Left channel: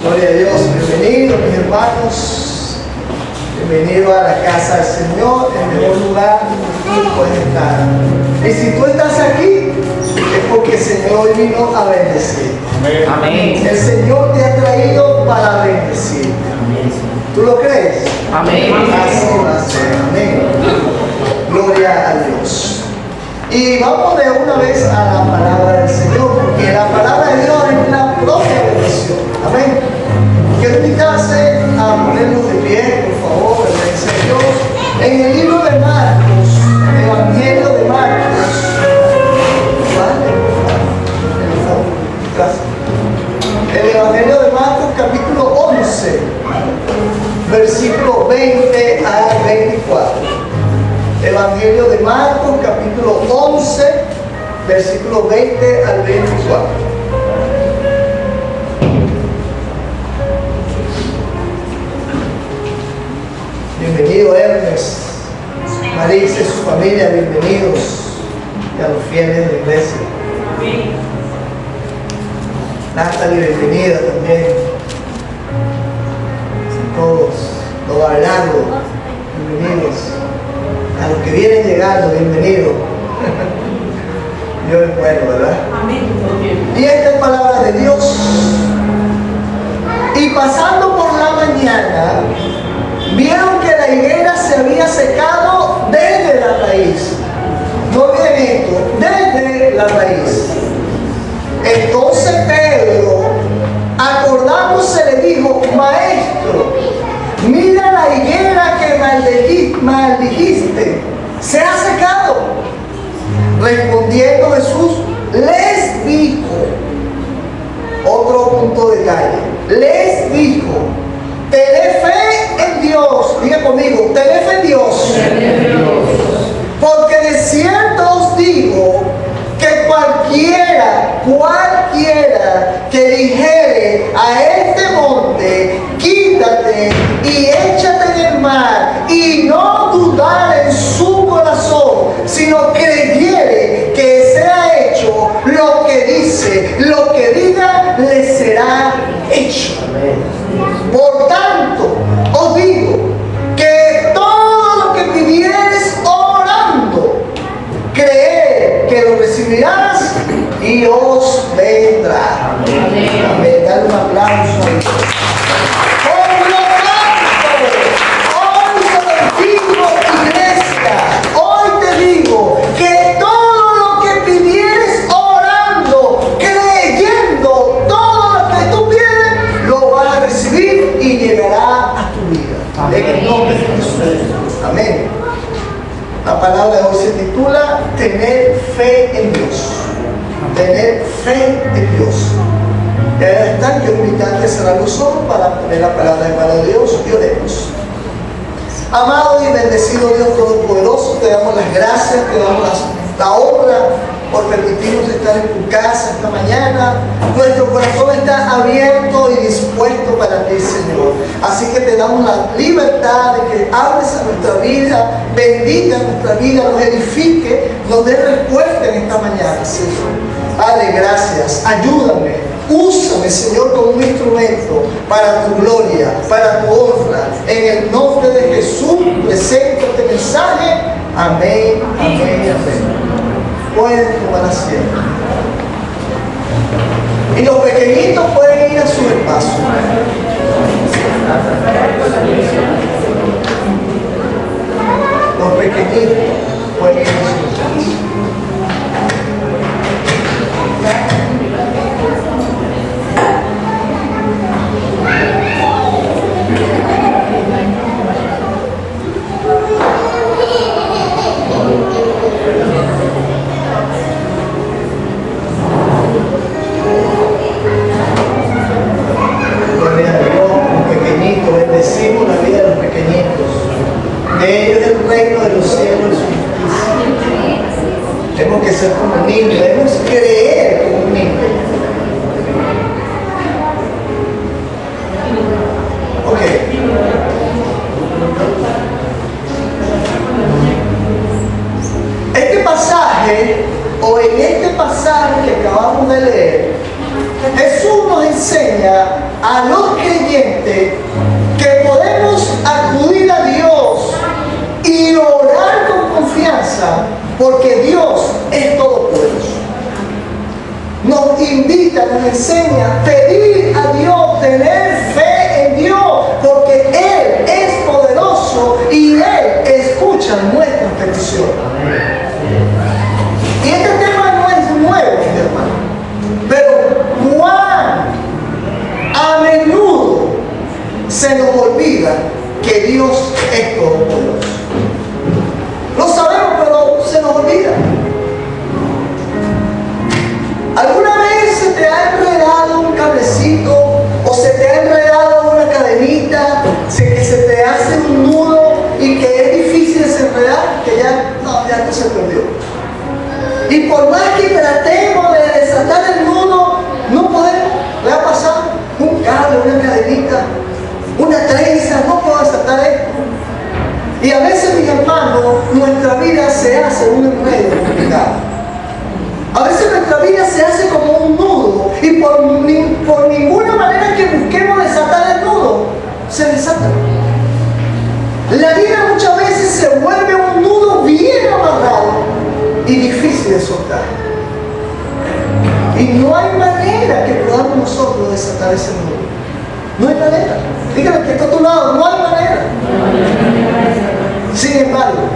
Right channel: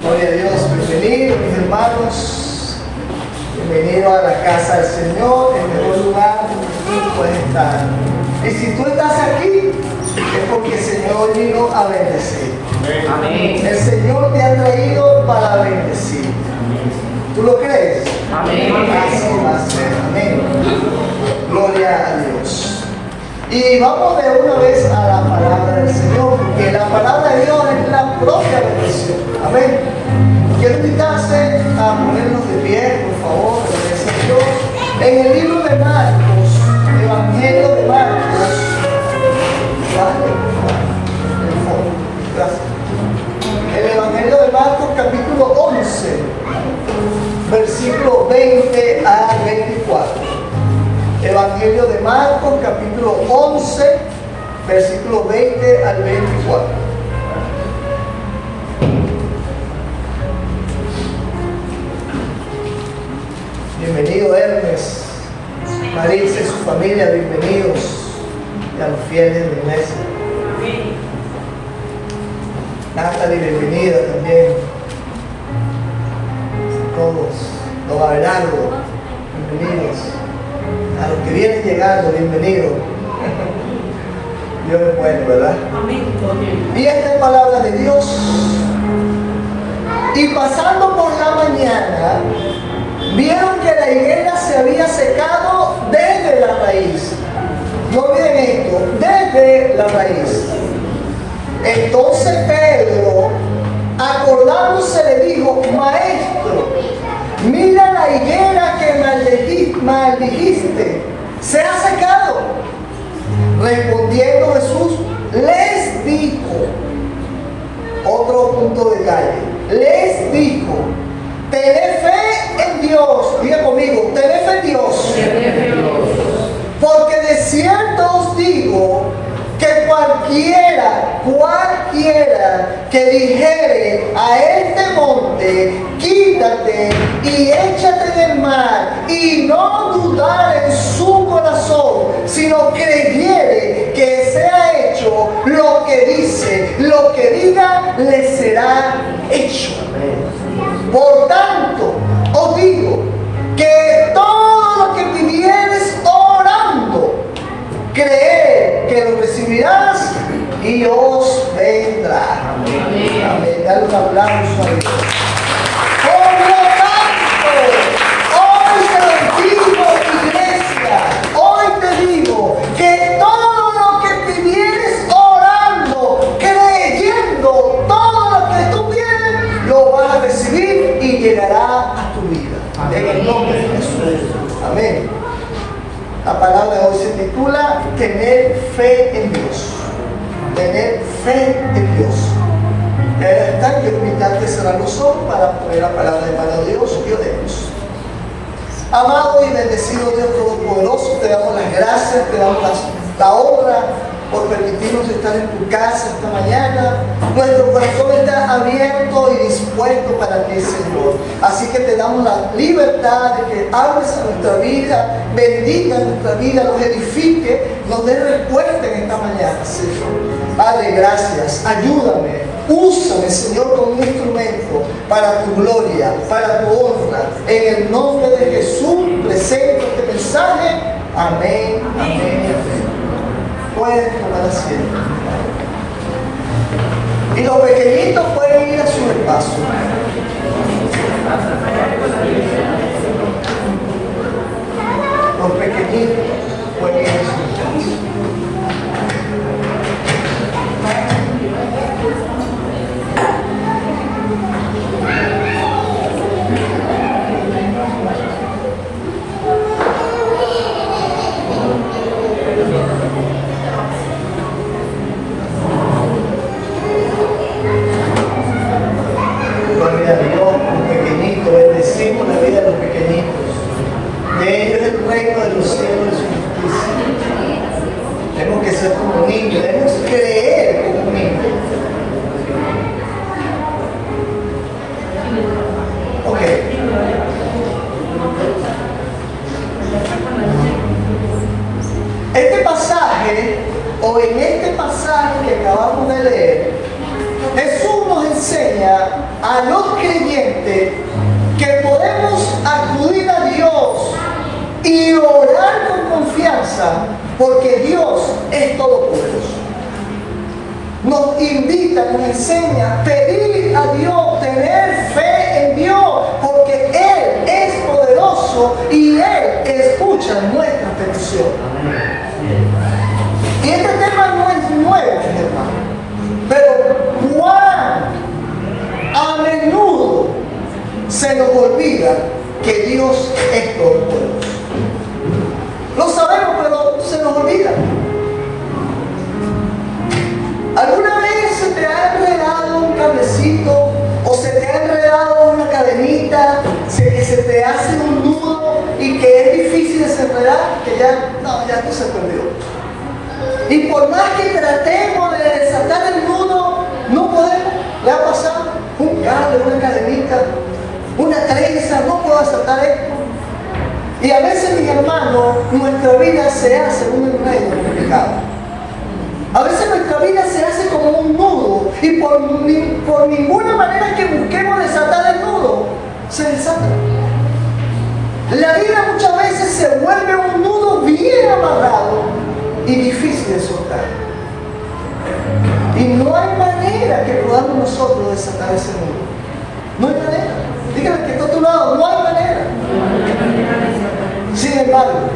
Gloria a Dios, bienvenidos mis hermanos, bienvenidos a la casa del Señor, el mejor lugar donde tú puedes estar. Y si tú estás aquí, es porque el Señor hoy vino a bendecir. Amén. El Señor te ha traído para bendecir. ¿Tú lo crees? Amén. Así va a ser. Amén. Gloria a Dios. Y vamos de una vez a la palabra del Señor, porque la palabra de Dios es la propia bendición. Amén. Quiero invitarse a ponernos de pie, por favor, en el Señor. En el libro de Marcos, el Evangelio de Marcos. Gracias. El Evangelio de Marcos, capítulo 11, versículo 20 a 24. Evangelio de Marcos, capítulo 11, versículo 20 al 24. Bienvenido Hermes, Marisa y su familia, bienvenidos, y a los fieles de la iglesia. Amén. Natalie, bienvenida también. Todos, don Abelardo, bienvenidos. A los que vienen llegando, bienvenidos. Dios es bueno, ¿verdad? Amén. Y esta es palabra de Dios. Y pasando por la mañana, vieron que la higuera se había secado desde la raíz. No bien esto, desde la raíz. Entonces Pedro, acordándose, le dijo: Maestro, mira la higuera que maldijiste, se ha secado. Respondiendo Jesús, les dijo, otro punto de calle, les dijo: tened fe en Dios. Diga conmigo, tened fe en Dios. Porque de cierto os digo que cualquiera que dijere a este monte, quítate y échate en el mar, y no dudar en su corazón, sino creyere que sea hecho lo que dice, lo que diga, le será hecho. Por tanto, os digo que todo lo que pidieres orando, creed que lo recibirás y os vendrá. Amén. Amén. Dale un aplauso a Dios. Por lo tanto, hoy te lo digo, iglesia, hoy te digo que todo lo que pidieres orando, creyendo, todo lo que tú pides, lo vas a recibir y llegará a tu vida. En el nombre de Jesús. Amén. La palabra de hoy se titula Tener fe en Dios. Tener fe en Dios. Y ahí está, quiero invitarte a cerrar los ojos para poner la palabra de mano de Dios y oremos. Amado y bendecido Dios Todopoderoso, te damos las gracias, te damos la honra por permitirnos estar en tu casa esta mañana. Nuestro corazón está abierto y dispuesto para ti, Señor. Así que te damos la libertad de que hables a nuestra vida, bendiga nuestra vida, nos edifique, nos dé respuesta en esta mañana, Señor. Padre, gracias. Ayúdame. Úsame, Señor, como un instrumento para tu gloria, para tu honra. En el nombre de Jesús, presento este mensaje. Amén, amén, amén. Pueden tomar asiento. Y los pequeñitos pueden ir a su espacio. Los pequeñitos pueden ir a su espacio. Gloria a Dios, los pequeñitos, bendecimos la vida de los pequeñitos. De ellos es el reino de los cielos y su justicia. enseña a los creyentes que podemos acudir a Dios y orar con confianza porque Dios es todopoderoso. Nos invita, nos enseña a pedir a Dios, tener fe en Dios, porque Él es poderoso y Él escucha nuestras peticiones. Y este tema no es nuevo, mi hermano, pero cuán a menudo se nos olvida que Dios es todopoderoso. Lo sabemos, pero se nos olvida. ¿Alguna vez se te ha enredado un cablecito o se te ha enredado una cadenita, que se te hace un nudo y que es difícil desenredar, que ya no se perdió? Y por más que tratemos de desatar el nudo, no podemos. Le ha pasado un cable, una cadenita, una trenza, no puedo desatar esto. Y a veces, mis hermanos, nuestra vida se hace un enredo complicado. A veces nuestra vida se hace como un nudo y por ninguna manera que busquemos desatar el nudo, se desata. La vida muchas veces se vuelve un nudo bien amarrado y difícil de soltar. Y no hay manera que podamos nosotros desatar ese nudo. No hay manera. Dígale que está a tu lado, no hay manera. Sin embargo,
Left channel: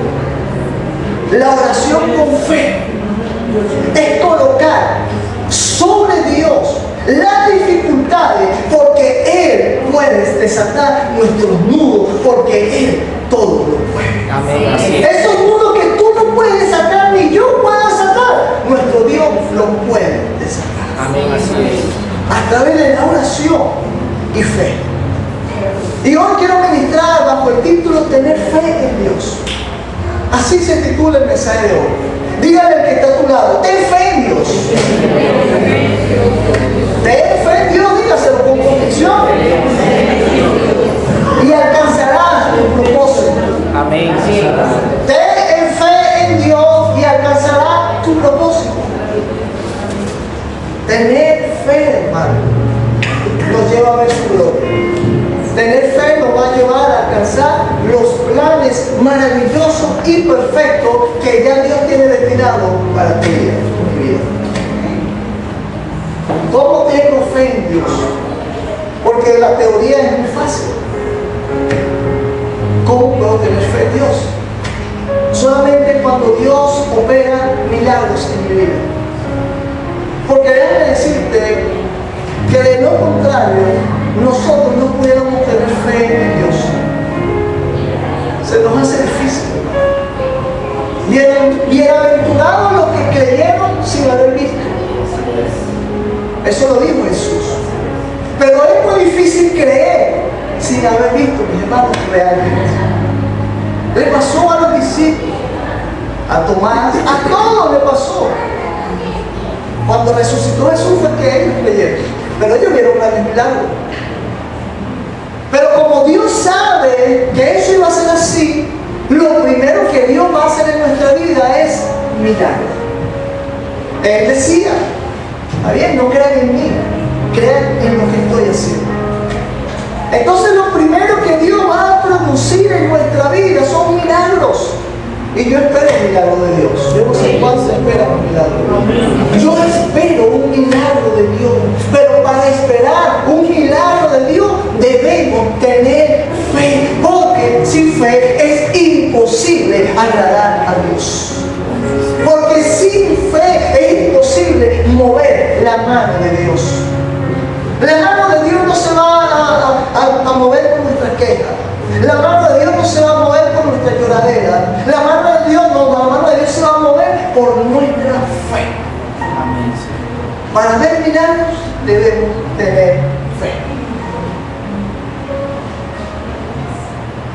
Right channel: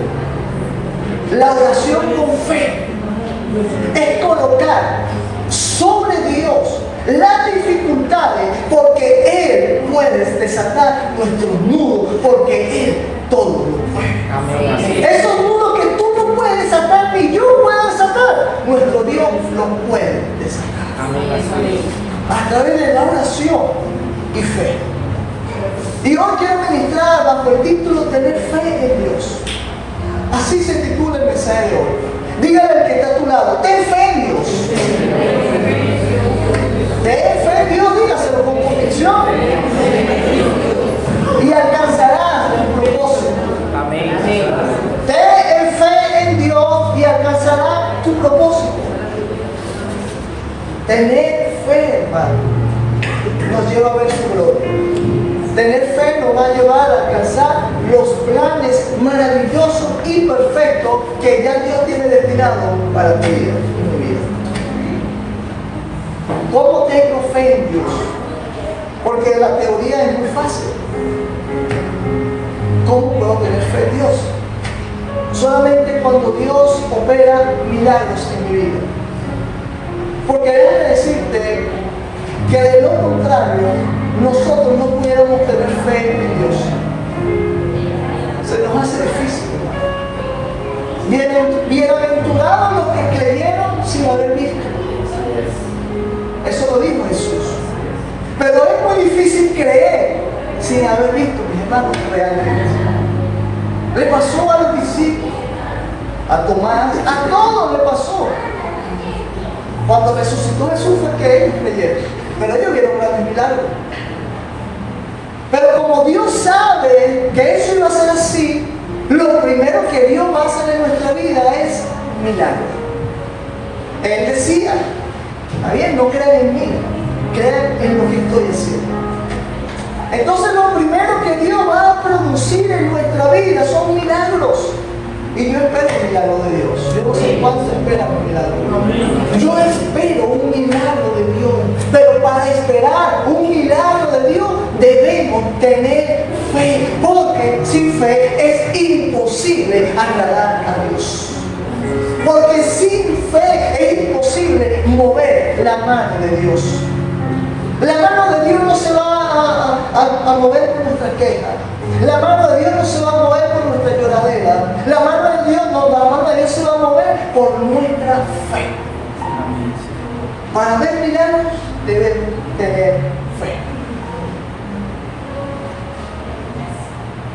la oración con fe es colocar sobre Dios las dificultades, porque Él puede desatar nuestros nudos, porque Él todo lo puede. Esos nudos que tú no puedes desatar ni yo puedo desatar, nuestro Dios los puede desatar a través de la oración y fe. Y hoy quiero ministrar bajo el título Tener fe en Dios. Así se titula el mensaje de hoy. Dígale al que está a tu lado, ten fe en Dios. Ten fe en Dios, dígaselo con convicción. Y alcanzarás tu propósito. Amén. Ten fe en Dios y alcanzarás tu propósito. Tener fe, hermano, nos lleva a ver su gloria. Tener fe nos va a llevar a alcanzar los planes maravillosos y perfectos que ya Dios tiene destinado para ti y mi vida. ¿Cómo tengo fe en Dios? Porque la teoría es muy fácil. ¿Cómo puedo tener fe en Dios? Solamente cuando Dios opera milagros en mi vida. Porque déjame decirte que de lo contrario, nosotros no pudiéramos tener fe en Dios. Se nos hace difícil. Bienaventurados los que creyeron sin haber visto. Eso lo dijo Jesús. Pero es muy difícil creer sin haber visto, mis hermanos, realmente. Le pasó a los discípulos, a Tomás, a todos le pasó. Cuando resucitó Jesús fue que ellos creyeron. Pero ellos vieron grandes milagros. Pero como Dios sabe que eso iba a ser así, lo primero que Dios va a hacer en nuestra vida es milagros. Él decía, está bien, no crean en mí, crean en lo que estoy haciendo. Entonces lo primero que Dios va a producir en nuestra vida son milagros. Y yo espero un milagro de Dios. Yo no sé cuántos esperan un milagro. Yo espero un milagro de Dios. Pero para esperar un milagro de Dios debemos tener fe. Porque sin fe es imposible agradar a Dios. Porque sin fe es imposible mover la mano de Dios. La mano de Dios no se va a mover por nuestra queja. La mano de Dios no se va a mover por nuestra lloradera. La mano de Dios no, la mano de Dios se va a mover por nuestra fe. Para ver milagros debemos tener fe.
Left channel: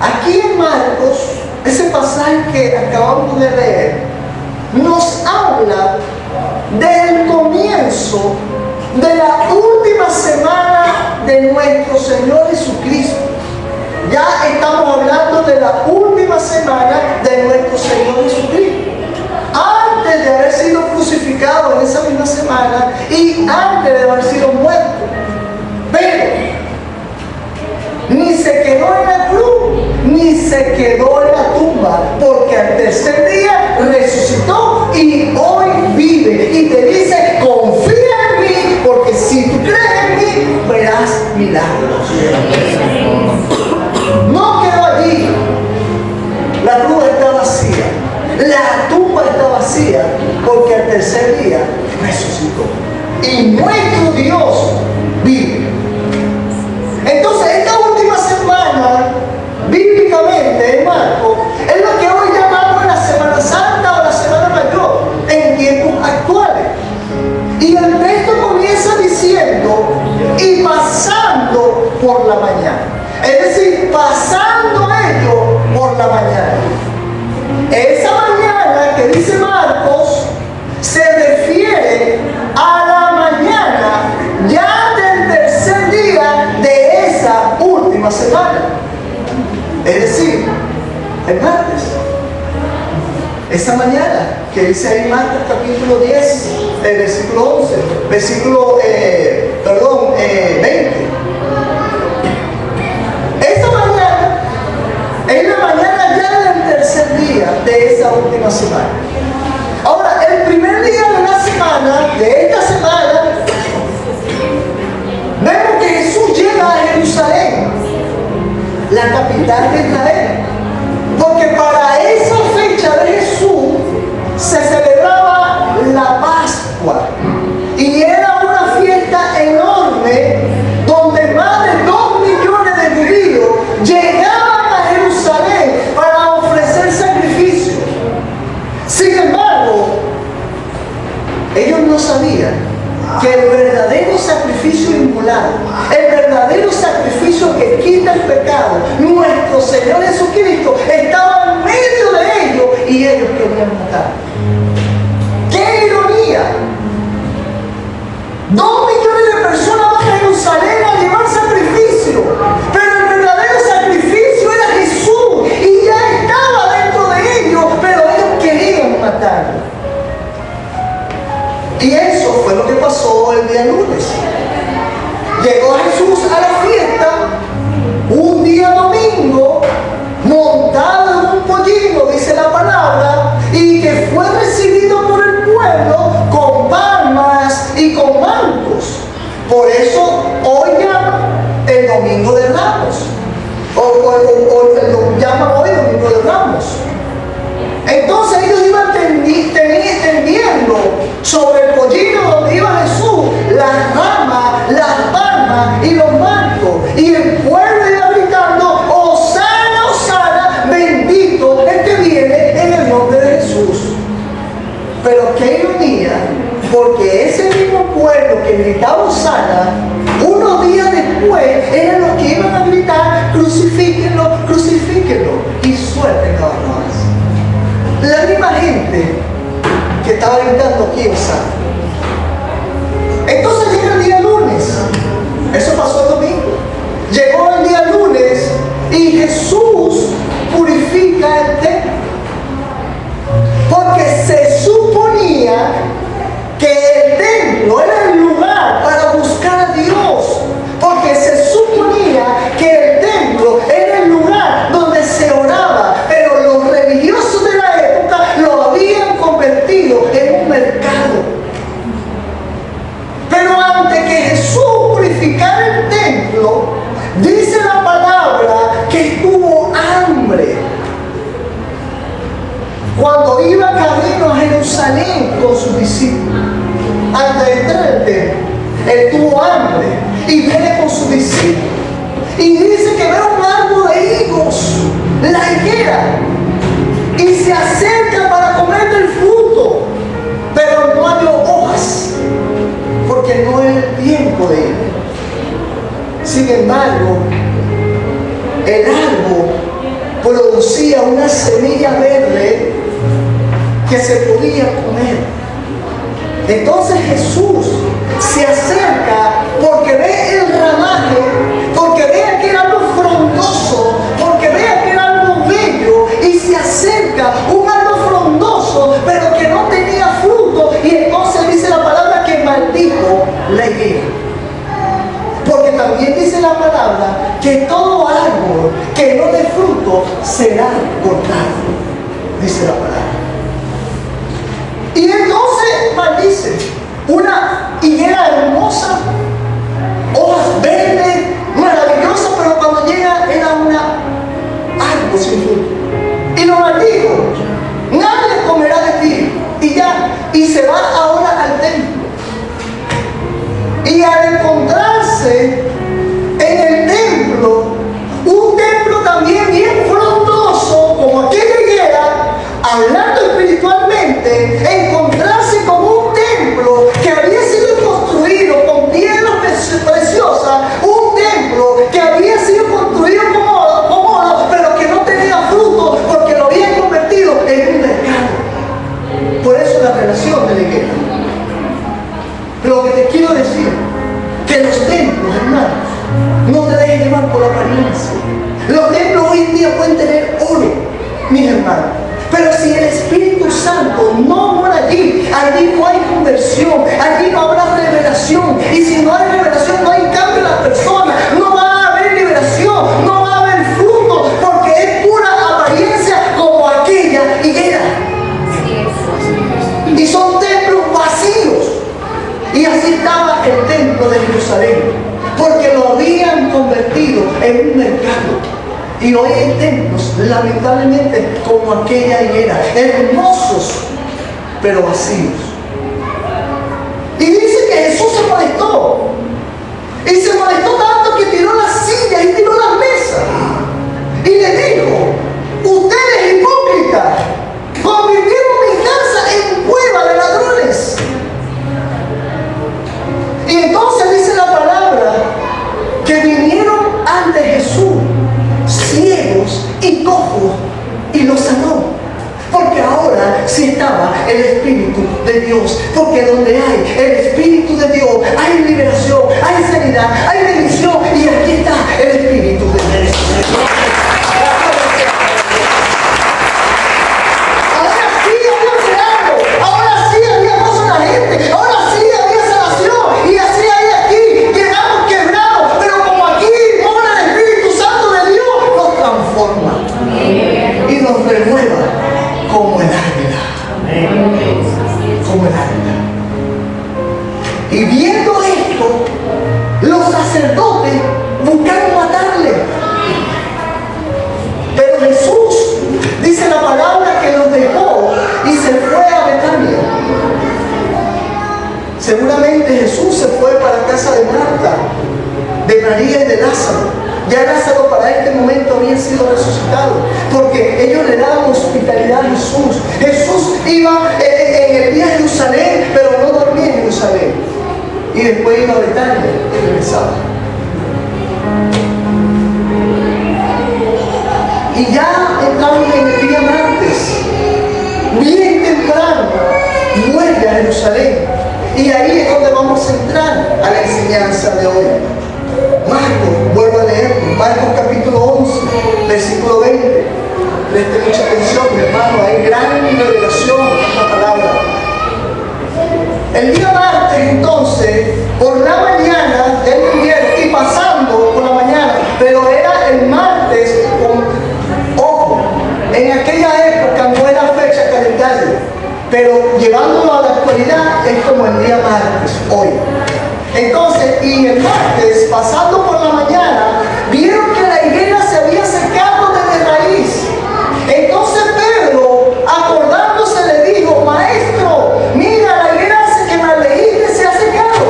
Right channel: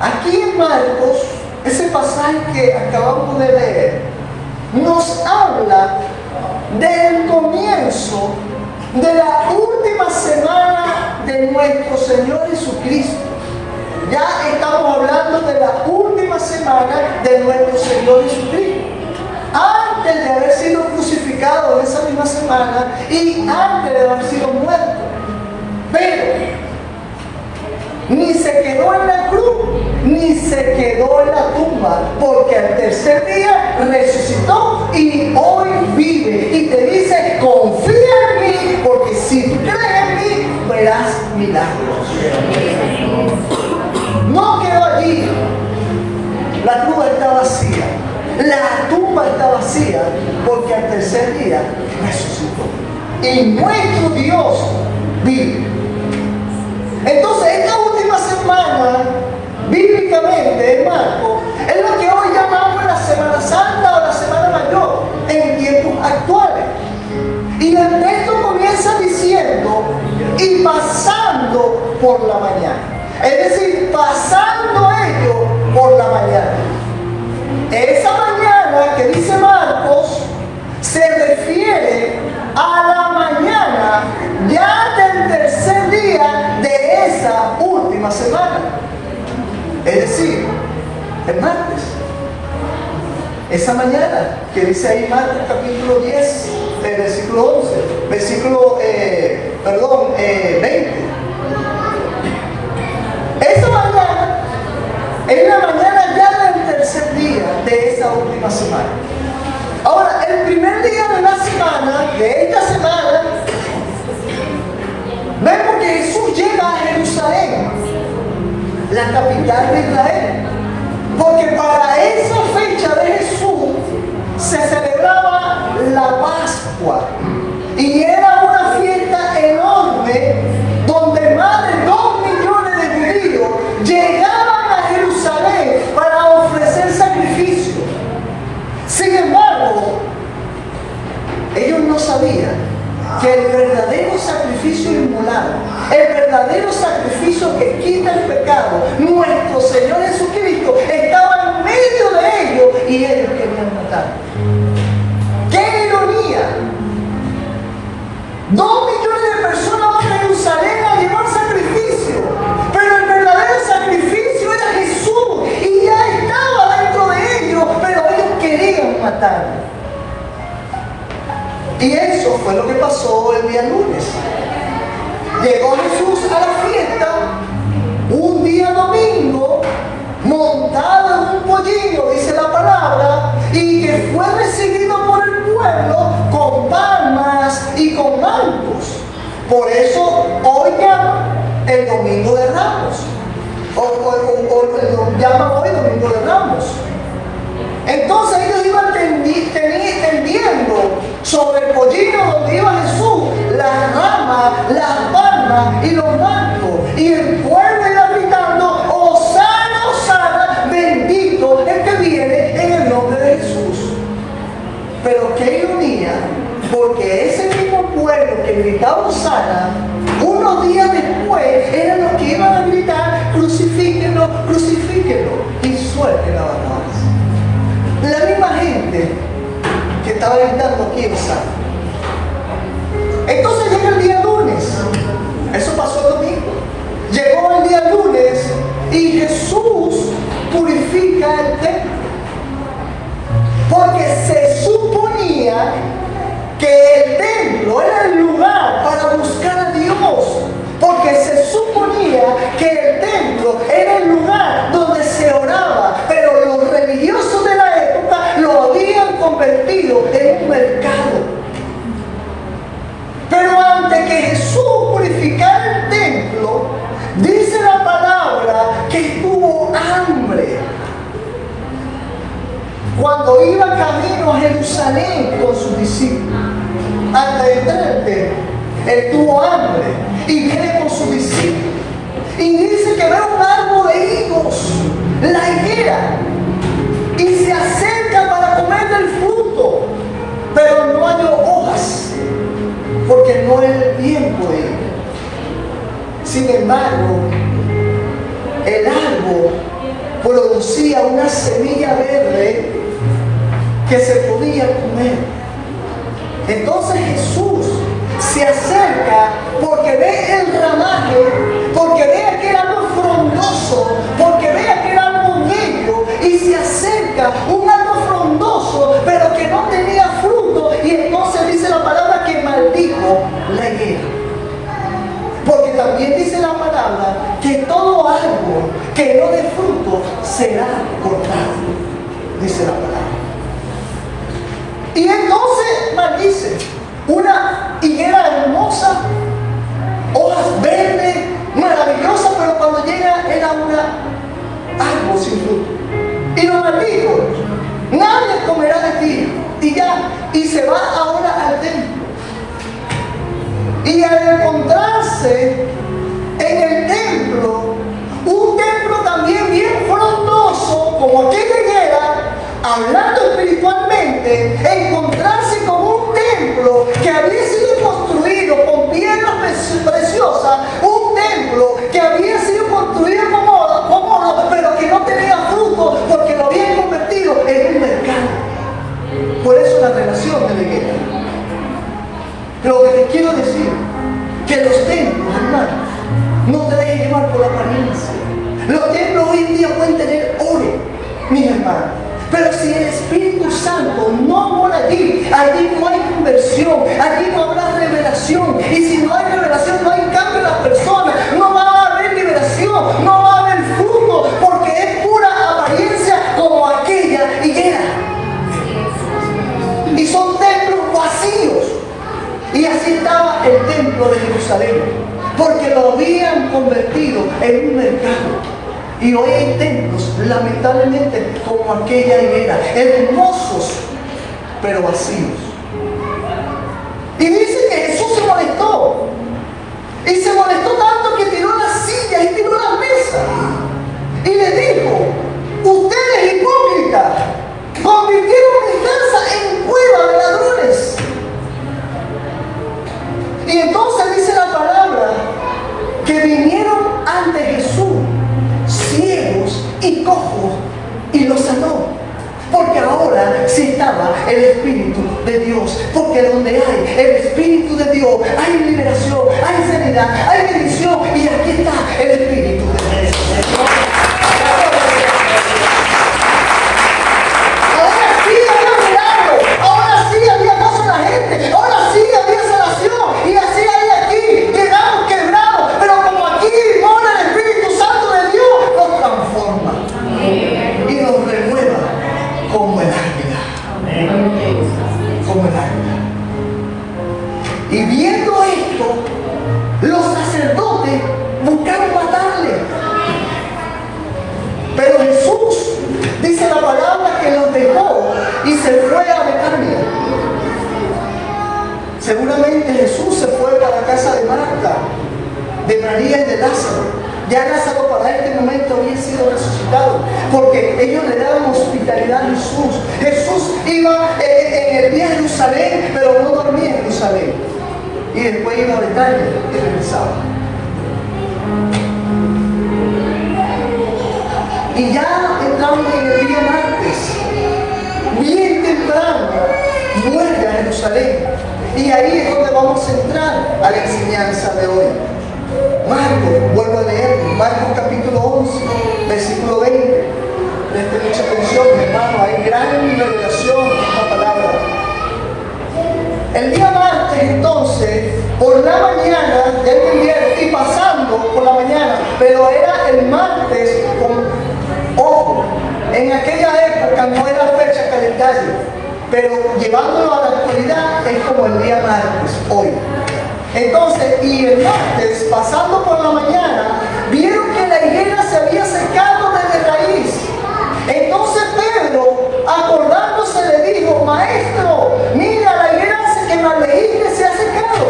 Aquí en Marcos, ese pasaje que acabamos de leer, nos habla del comienzo de la última semana de nuestro Señor Jesucristo. Ya estamos hablando de la última semana de nuestro Señor Jesucristo. Antes de haber sido crucificado en esa misma semana y antes de haber sido muerto. quedó en la cruz, ni se quedó en la tumba, porque al tercer día resucitó y hoy vive. Y te dice, confía en mí, porque si tú crees en mí, verás milagros. No quedó allí. La cruz está vacía. La tumba está vacía, porque al tercer día resucitó. Y nuestro Dios vive. Entonces, esta última semana, bíblicamente, en Marcos, es lo que hoy llamamos la Semana Santa o la Semana Mayor, en tiempos actuales. Y el texto comienza diciendo, y pasando por la mañana. Es decir, pasando ellos por la mañana. Esa mañana que dice Marcos se refiere a la mañana ya del tercer día de esa última semana. Es decir, el martes. Esa mañana que dice ahí Marcos capítulo 10, versículo 11, versículo 20. Esa mañana es la mañana ya del tercer día de esa última semana. Ahora, el primer día de la semana, de esta semana, vemos que Jesús llega a Jerusalén, la capital de Israel. Porque para esa fecha de Jesús se celebraba la Pascua. Y era una fiesta enorme donde más de 2 millones de judíos llegaban a Jerusalén para ofrecer sacrificios. Sin embargo, ellos no sabían que el verdadero sacrificio inmolado, el verdadero sacrificio que quita el pecado, nuestro Señor Jesucristo, estaba en medio de ellos y ellos querían matar. ¡Qué ironía! 2 millones de personas van a Jerusalén a llevar sacrificio, pero el verdadero sacrificio era Jesús y ya estaba dentro de ellos, pero ellos querían matarlo. Y eso fue lo que pasó el día lunes. Llegó Jesús a la fiesta, un día domingo, montado en un pollino, dice la palabra, y que fue recibido por el pueblo con palmas y con mancos. Por eso hoy llaman el Domingo de Ramos, o lo llaman hoy Domingo de Ramos. Entonces ellos iban tendiendo sobre el pollino donde iba Jesús, las ramas, las palmas y los mancos. Y el pueblo iba gritando, Hosana, Hosana, bendito el que viene en el nombre de Jesús. Pero qué ironía, porque ese mismo pueblo que gritaba Hosana, unos días después eran los que iban a gritar, crucifíquenlo, crucifíquenlo, y suelten a Barrabás. La misma gente que estaba gritando, ¿quién sabe? Entonces llega el día lunes. Eso pasó el domingo. Llegó el día lunes y Jesús purifica el templo. Porque se suponía que el templo era el lugar para buscar a Dios. Porque se suponía que el templo era el lugar donde se oraba. Pero los religiosos de la época lo habían convertido en un mercado. Pero antes que Jesús purificara el templo, dice la palabra que tuvo hambre. Cuando iba camino a Jerusalén con sus discípulos, antes de entrar al templo, él tuvo hambre y viene con sus discípulos. Y dice que ve un árbol de higos, la higuera, y se acerca para comer del fruto, pero no hay hojas, porque no es el tiempo de ello. Sin embargo, el árbol producía una semilla verde que se podía comer. Entonces Jesús se acerca porque ve el ramaje, porque ve aquel árbol frondoso, porque ve aquel árbol bello, y se acerca un árbol frondoso pero que no tenía fruto, y entonces dice la palabra que maldijo la higuera. Porque también dice dice la palabra que todo árbol que no dé fruto será cortado, dice la palabra. Y entonces maldice una higuera hermosa, hojas verdes, maravillosa, pero cuando llega era una árbol sin fruto. Y lo maldijo: nadie comerá de ti. Y ya, y se va ahora al templo. Y al encontrarse en el templo, un templo también bien frondoso, como aquella higuera, hablando espiritualmente, encontrarse con un templo que había sido construido con piedras preciosas, un templo que había sido construido como oro, pero que no tenía fruto porque lo habían convertido en un mercado. Por eso la relación de la higuera. Lo que te quiero decir, que los templos, hermanos, no te dejes llevar por la apariencia. Los templos hoy en día pueden tener oro, mis hermanos, pero si el Espíritu Santo no mora allí, allí no hay conversión, allí no habrá revelación. Y si no hay revelación, no hay cambio en las personas, no va a haber liberación, no va a haber fruto, porque es pura apariencia como aquella higuera. Y son templos vacíos. Y así estaba el templo de Jerusalén, porque lo habían convertido en un mercado. Y hoy hay templos, lamentablemente, como aquella higuera, hermosos, pero vacíos. Y dice que Jesús se molestó. Y se molestó tanto que tiró las sillas y tiró las mesas. Y le dijo: ustedes hipócritas, convirtieron mi casa en cueva de ladrones. Y entonces dice la palabra que vinieron ante Jesús ciegos y cojos y los sanó. Porque ahora sí estaba el Espíritu de Dios. Porque donde hay el Espíritu de Dios hay liberación, hay sanidad, hay bendición. Y aquí está el Espíritu de Dios. Ahora sí había milagro, ahora sí había gozo en la gente, ahora sí había sanación. Y así hay aquí. Llegamos quebrados, pero como aquí mora el Espíritu Santo de Dios, nos transforma y nos renueva como el águila. Como el águila. Y viendo esto, los sacerdotes buscaron matarle. Pero Jesús, dice la palabra, que los dejó y se fue a Betania. Seguramente Jesús se fue para casa de Marta, de María y de Lázaro. Ya Lázaro para este momento había sido resucitado, porque ellos le daban hospitalidad a Jesús. Jesús iba en el día a Jerusalén, pero no dormía en Jerusalén. Y después iba a Betania y regresaba. Y ya entramos en el día martes, bien temprano, vuelve a Jerusalén. Y ahí es donde vamos a entrar a la enseñanza de hoy. Marcos, vuelvo a leer, Marcos capítulo 11, versículo 20. Presten mucha atención, mi hermano, hay gran revelación en esta palabra. El día martes, entonces, por la mañana, ya entendieron, y pasando por la mañana, pero era el martes con ojo. En aquella época no era fecha calendario, pero llevándolo a la actualidad es como el día martes, hoy. Entonces, y el martes, pasando por la mañana, vieron que la higuera se había secado desde raíz. Entonces Pedro, acordándose, le dijo: maestro, mira, la higuera que me leíste se ha secado.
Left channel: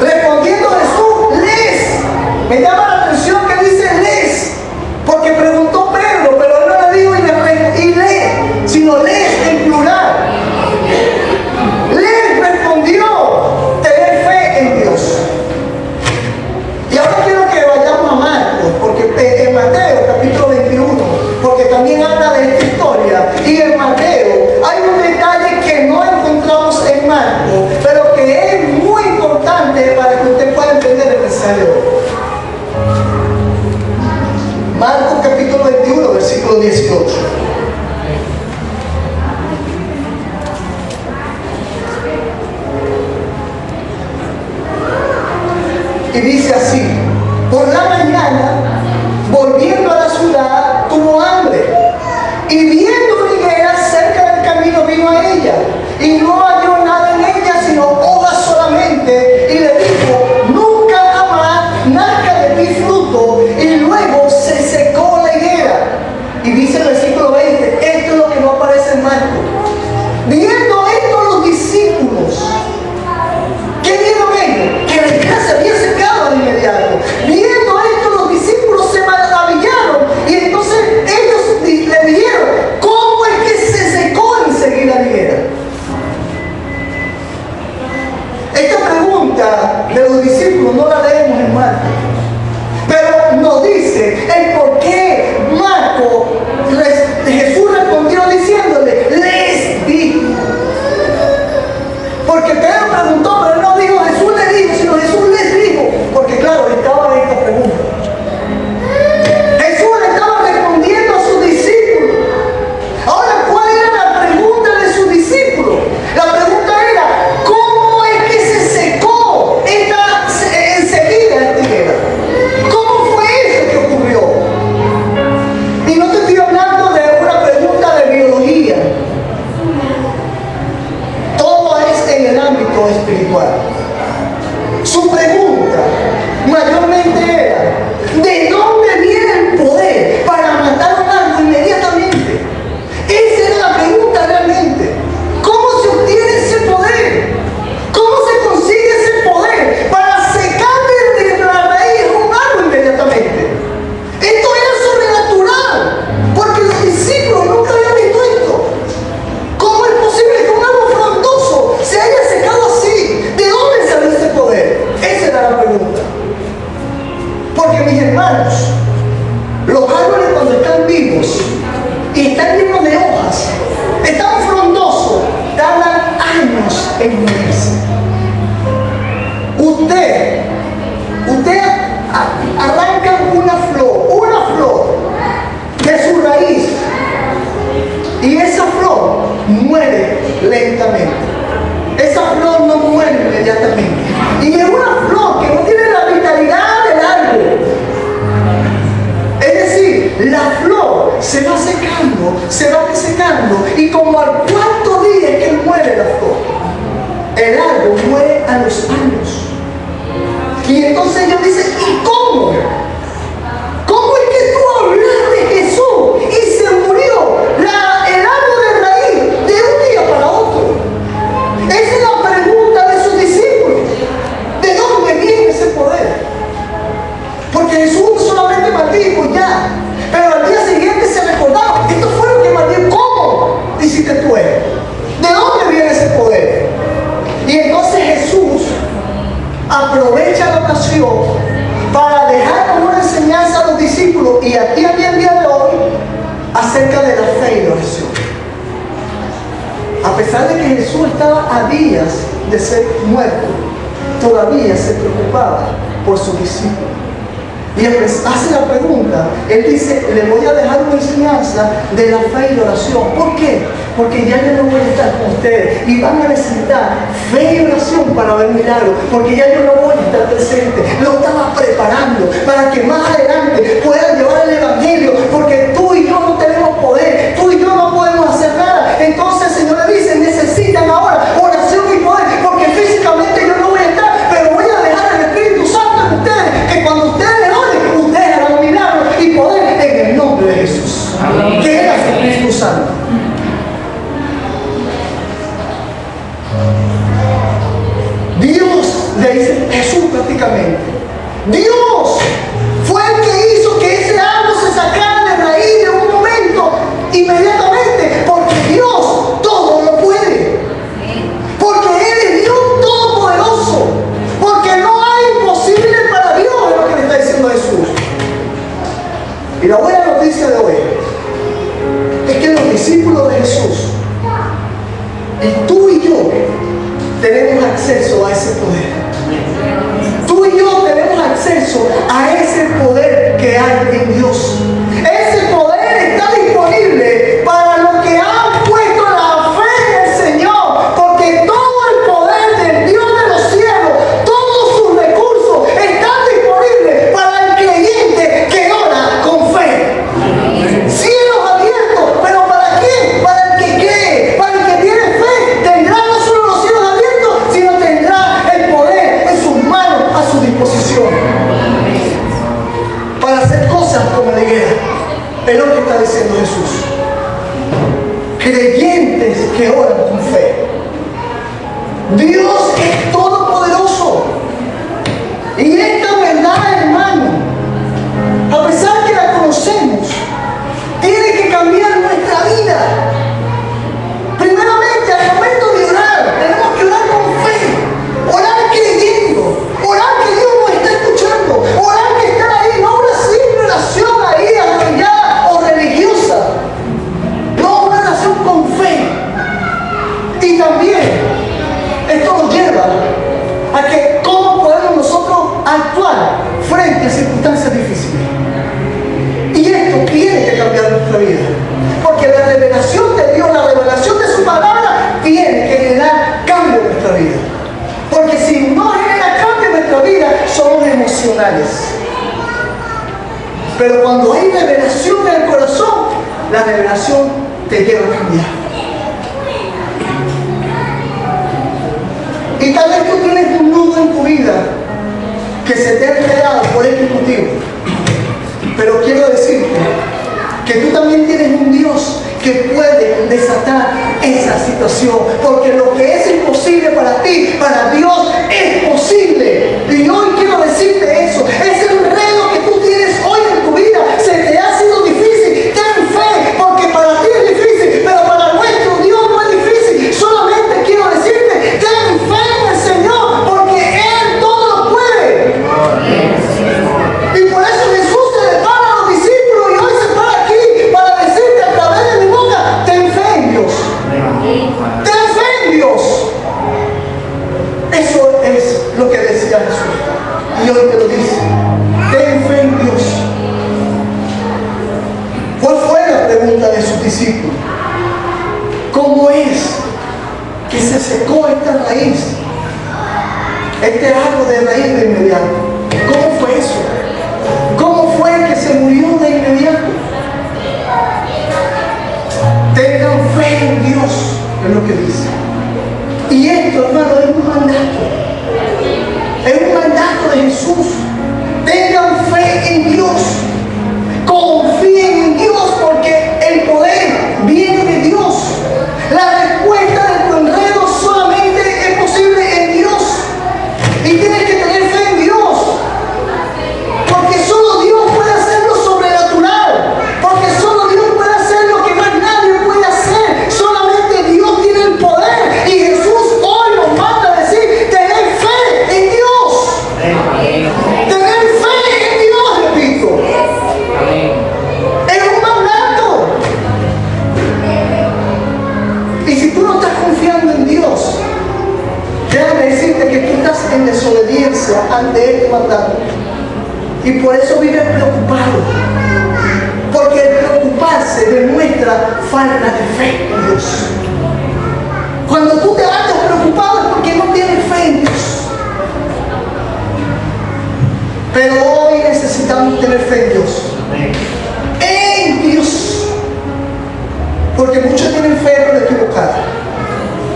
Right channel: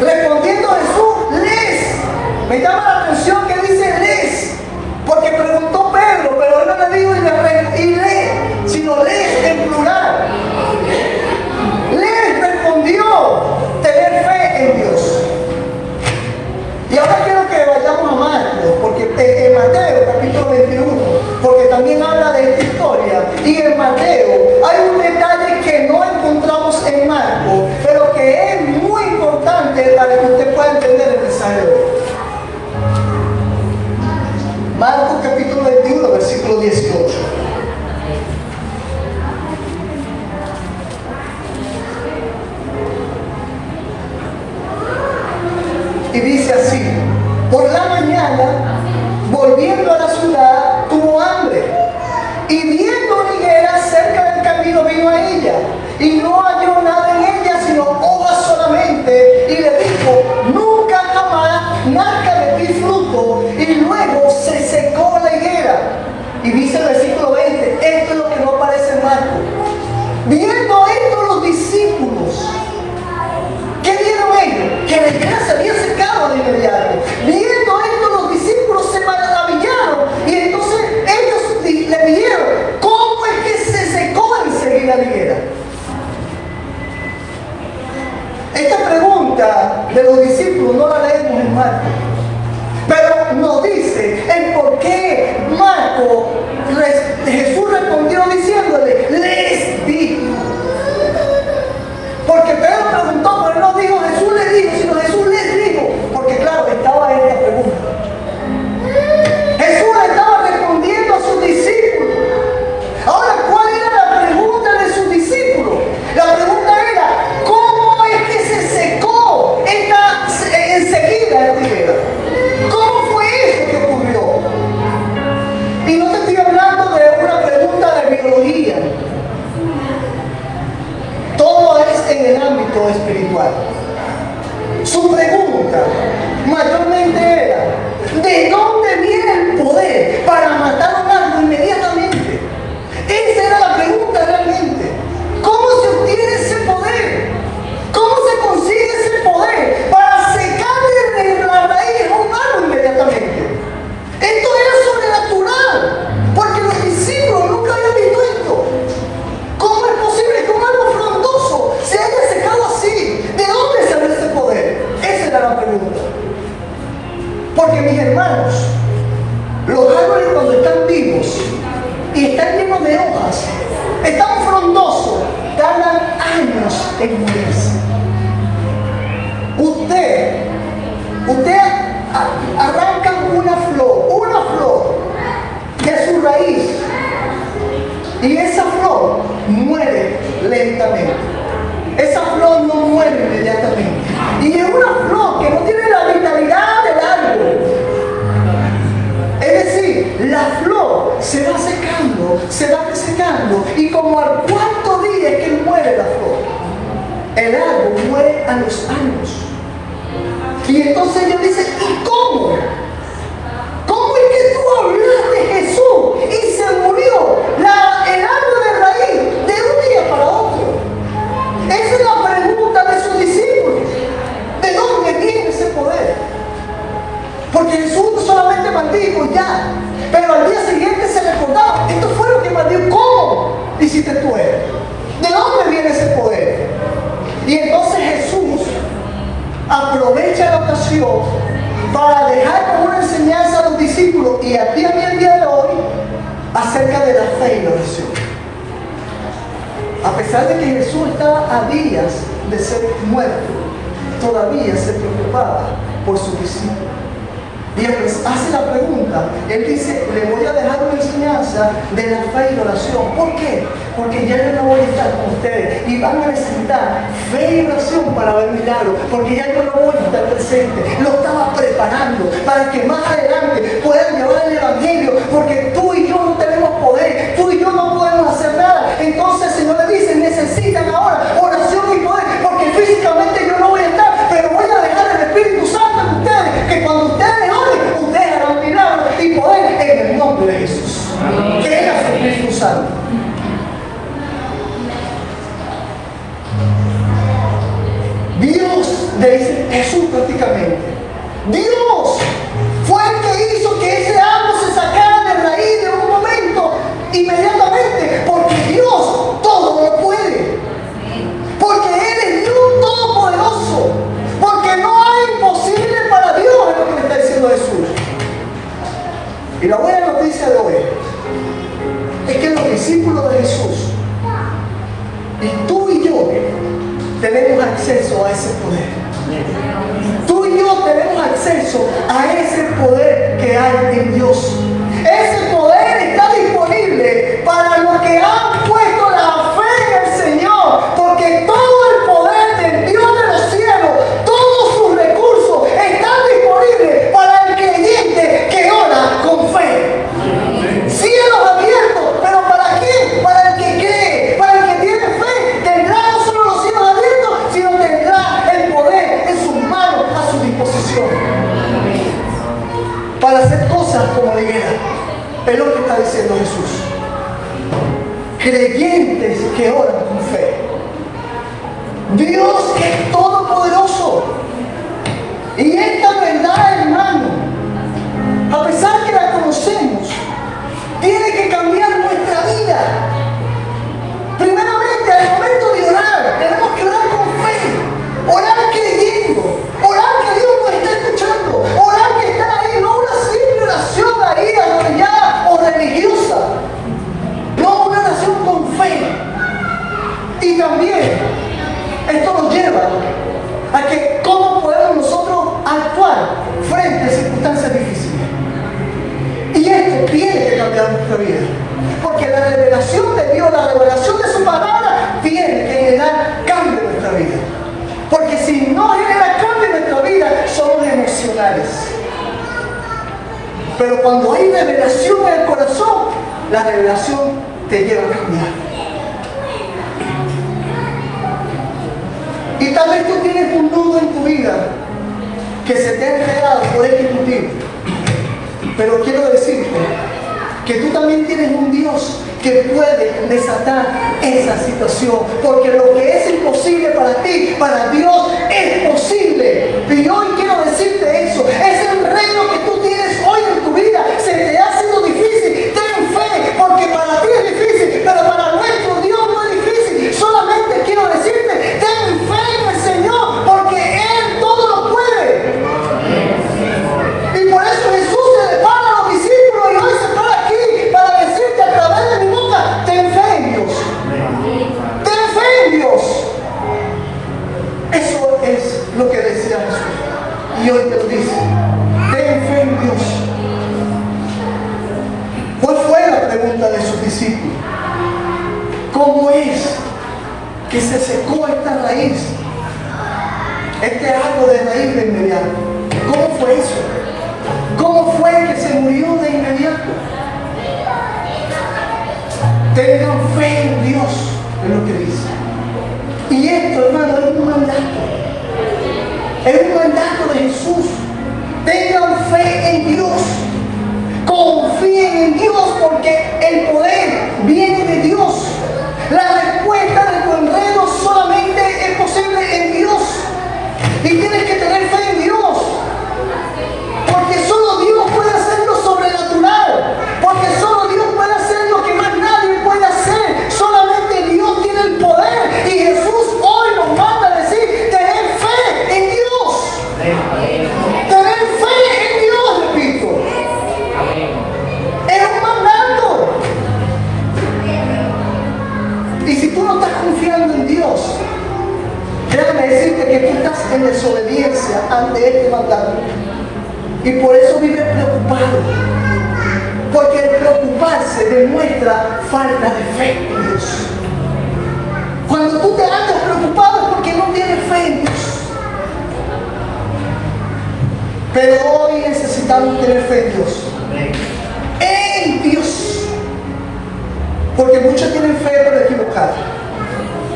Respondiendo Jesús, les. Me llama la atención que dice les, porque preguntó Pedro, pero él no le dijo y lee, sino les en plural. Les respondió: tener fe en Dios. Y ahora quiero que vayamos a Marcos, porque en Mateo capítulo 21, porque también habla de esta historia. Y en Mateo hay un detalle que no encontramos en Marcos, pero que es muy importante para que usted pueda entender el mensaje de hoy. Marcos capítulo 21, versículo 18. Y dice así: Por la mañana, volviendo a la ciudad, tuvo hambre. Y viendo una higuera cerca del camino, vino a ella. Y no halló nada en ella, sino hojas solamente. Y le dijo, nunca jamás nazca de ti fruto. Y luego se secó la higuera. Y dice el versículo 20, esto es lo que no aparece en Marcos. Viendo esto los discípulos, ¿qué vieron ellos? Que la higuera se había secado de inmediato. Viendo esto los discípulos se maravillaron. Y entonces ellos le dijeron, ¿cómo es que se secó enseguida la higuera? Esta pregunta de los discípulos no la leemos en Marcos, pero nos dice el por qué Jesús respondió diciéndole, les dijo. Porque Pedro preguntó, pero no dijo Jesús le dijo, sino Jesús les dijo. Porque claro, estaba esta pregunta. Jesús estaba respondiendo a sus discípulos. Ahora, ¿cuál era la pregunta de sus discípulos? La pregunta era, ¿cómo es que se secó enseguida esta higuera? ¿Cómo fue eso que ocurrió? Y no te estoy hablando de una pregunta de biología. Todo es en el ámbito espiritual. Su pregunta mayormente era, ¿de dónde viene el poder para matar a un árbol inmediatamente? Esa era la pregunta realmente. ¿Cómo se obtiene ese poder? ¿Cómo se consigue ese poder para secar desde la raíz a un árbol inmediatamente? Esto era sobrenatural, porque los discípulos nunca habían visto esto. ¿Cómo es posible que un árbol frondoso se haya secado así? ¿De dónde sale ese poder? Esa era la pregunta. Porque mis hermanos, los árboles cuando están vivos y están llenos de hojas, están frondosos, tardan años en morirse. Usted arranca una flor de su raíz y esa flor muere lentamente. Esa flor no muere inmediatamente. Y es una flor que no tiene la vitalidad del árbol. Es decir, la flor se va secando y como al cuarto día es que muere la flor. El árbol muere a los años. Y entonces ellos dicen, ¿y cómo? ¿Cómo es que tú hablas de Jesús y se murió el árbol de raíz de un día para otro? Esa es la pregunta de sus discípulos. ¿De dónde viene ese poder? Porque Jesús solamente maldijo y ya. Pero al día siguiente se recordaba, esto fue lo que maldijo. ¿Cómo hiciste tú esto? ¿De dónde viene ese poder? Y entonces Jesús aprovecha la ocasión para dejar una enseñanza a los discípulos y a ti a mí el día de hoy acerca de la fe y la oración. A pesar de que Jesús estaba a días de ser muerto, todavía se preocupaba por sus discípulos. Y él les hace la pregunta, él dice, le voy a dejar una enseñanza de la fe y la oración. ¿Por qué? Porque ya yo no voy a estar con ustedes y van a necesitar fe y oración para ver milagros, porque ya yo no voy a estar presente. Lo estaba preparando para que más adelante puedan llevar el evangelio, porque tú y yo no tenemos poder, tú y yo no podemos hacer nada. Entonces el Señor le dice, necesitan ahora oración y poder, porque físicamente yo no voy a estar, pero voy a dejar el Espíritu Santo en ustedes, que cuando ustedes le oren, ustedes harán milagros y poder en el nombre de Jesús. Amén. Que es el Espíritu Santo. Dios, le dice Jesús prácticamente, Dios fue el que hizo que ese árbol se sacara de raíz de un momento inmediatamente, porque Dios todo lo puede, porque Él es Dios todopoderoso, porque no hay imposible para Dios, es lo que le está diciendo Jesús. Y la buena noticia de hoy es que los discípulos de Jesús y tú y yo tenemos acceso a ese poder. Tú y yo tenemos acceso a ese poder que hay en Dios. Ese poder está disponible para los que han puesto la fe en el Señor, porque todo el poder del Dios de los cielos, todos sus recursos están disponibles para Es lo que está diciendo Jesús. Creyentes que oran con fe. Dios es todopoderoso. Y esta verdad, hermano, a pesar que la conocemos, tiene que cambiar nuestra vida. Primeramente, al momento de orar, tenemos que orar con fe. Orar creyendo. Orar que Dios nos está escuchando. Orar que está ahí. No una simple oración ahí, arrodillada o religiosa. No, una oración con fe. Y también, esto nos lleva a que cómo podemos nosotros actuar frente a circunstancias difíciles. Y esto tiene que cambiar nuestra vida. Porque la revelación de Dios, la revelación de su palabra, tiene que generar cambio en nuestra vida. Porque si no genera cambio en nuestra vida, somos emocionales. Pero cuando hay revelación en el corazón, la revelación te lleva a cambiar. Y tal vez tú tienes un nudo en tu vida que se te ha enredado por este motivo. Pero quiero decirte que tú también tienes un Dios que puede desatar esa situación. Porque lo que es imposible para ti, para Dios es posible. Y hoy quiero decirte eso. Ese enredo que tú tienes hoy en tu vida se te ha sido difícil. Ten fe, porque para ti es difícil, pero para nuestro Dios no es difícil. Solamente quiero decirte, ten fe en el Señor, porque Él todo lo puede. Y por eso Jesús se le para a los discípulos y hoy se para aquí para decirte a través de mi boca, ten fe en Dios. Ten fe en Dios. Eso es lo que decía Jesús. Y hoy te lo dice. Ten fe en Dios. ¿Cuál fue la pregunta de sus discípulos? ¿Cómo es que se secó esta raíz? Este árbol de raíz de inmediato. ¿Cómo fue eso? ¿Cómo fue que se murió de inmediato? Tengan fe en Dios, es lo que dice. Y esto, hermano, es un mandato. Es un mandato de Jesús. Tengan fe en Dios. Confíen en Dios, porque el poder viene de Dios. La respuesta de tu enredo solamente es posible en Dios. Y tienes que tener fe en Dios. Porque solo Dios puede hacer lo sobrenatural. Porque solo Dios puede hacer lo que más nadie puede hacer. Solamente Dios tiene el poder. Y Jesús hoy nos manda a decir, tener fe en Dios. Tener fe en Dios, repito. Es un mandato. Y si tú no estás confiando en Dios, déjame decirte que tú estás en desobediencia ante este mandato. Y por eso vives preocupado. Porque el preocuparse demuestra falta de fe en Dios. Cuando tú te andas preocupado es porque no tienes fe en Dios. Pero hoy necesitamos tener fe en Dios. En Dios. Porque muchos tienen fe pero equivocada.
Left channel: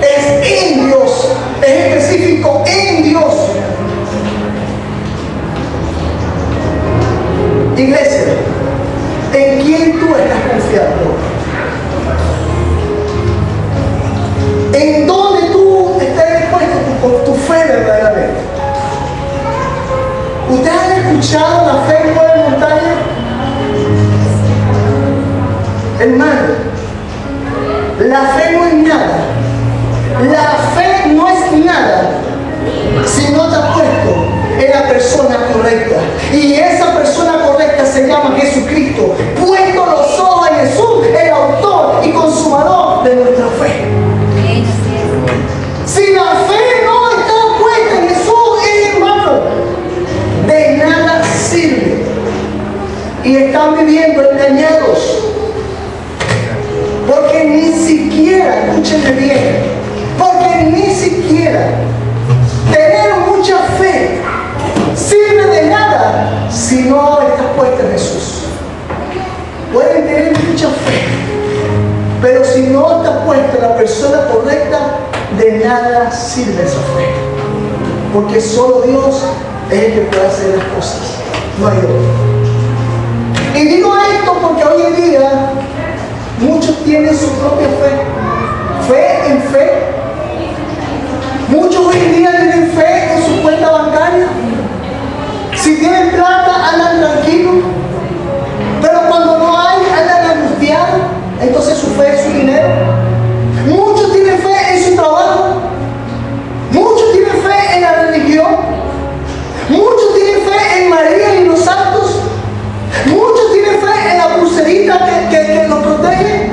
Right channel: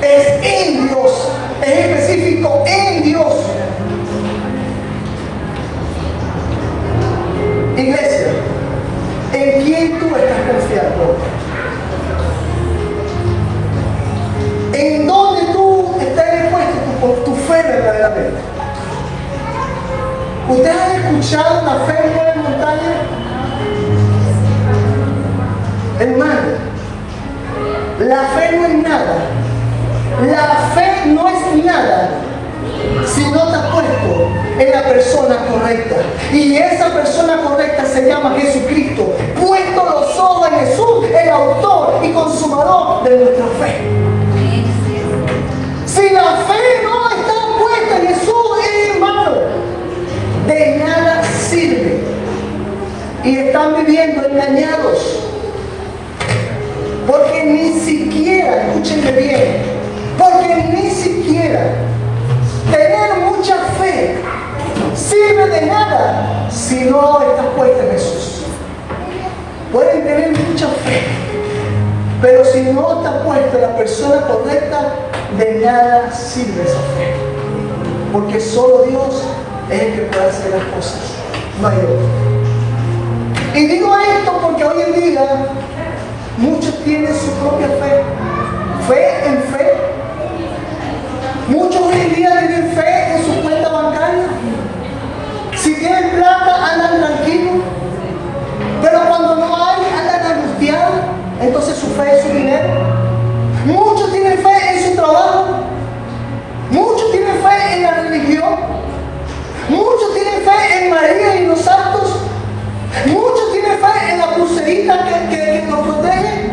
Es en Dios. Es específico en Dios. Iglesia, ¿en quién tú estás confiando? ¿En dónde tú estás dispuesto tu fe verdaderamente? ¿Ustedes han escuchado la fe mueve montaña? Hermano, la fe no es nada. La fe no es nada si no te has puesto en la persona correcta. Y esa persona correcta se llama Jesucristo. Puesto los ojos en Jesús, el autor y consumador de nuestra fe. Si la fe no está puesta en Jesús, hermano, de nada sirve. Y están viviendo engañados. Porque ni siquiera, escúchenme bien, porque ni siquiera tener mucha fe sirve de nada si no estás puesta en Jesús. Pueden tener mucha fe, pero si no estás puesta en la persona correcta, de nada sirve esa fe. Porque solo Dios es el que puede hacer las cosas, no hay otro. Y digo esto porque hoy en día muchos tienen su propia fe. Fe en fe. Muchos hoy en día tienen fe en su cuenta bancaria. Si tienen plata, andan tranquilos. Pero cuando no hay, andan angustiados. Entonces su fe es su dinero. Muchos tienen fe en su trabajo. Muchos tienen fe en la religión. Muchos tienen fe en María y los santos. Muchos tienen fe en la pulserita que nos protege.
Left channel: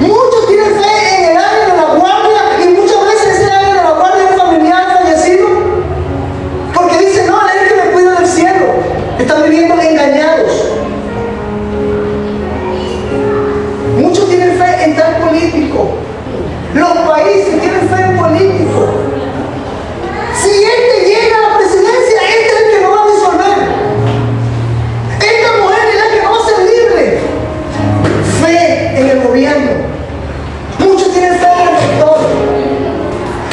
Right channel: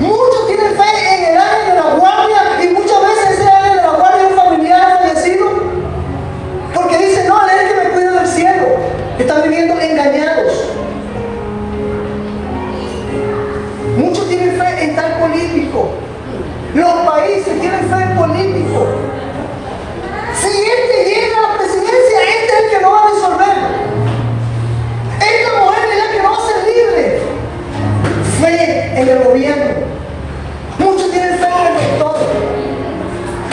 Muchos tienen fe en el ángel de la guardia. Y muchas veces ese ángel de la guardia es un familiar fallecido. Porque dicen, no, él es el que me cuida del cielo. Están viviendo engañados. Muchos tienen fe en tal político. Los países tienen fe en políticos. Si este llega a la presidencia, este es el que no va a disolver. Esta mujer es la que no va a ser libre. Fe en el gobierno. Muchos tienen fe en el doctor.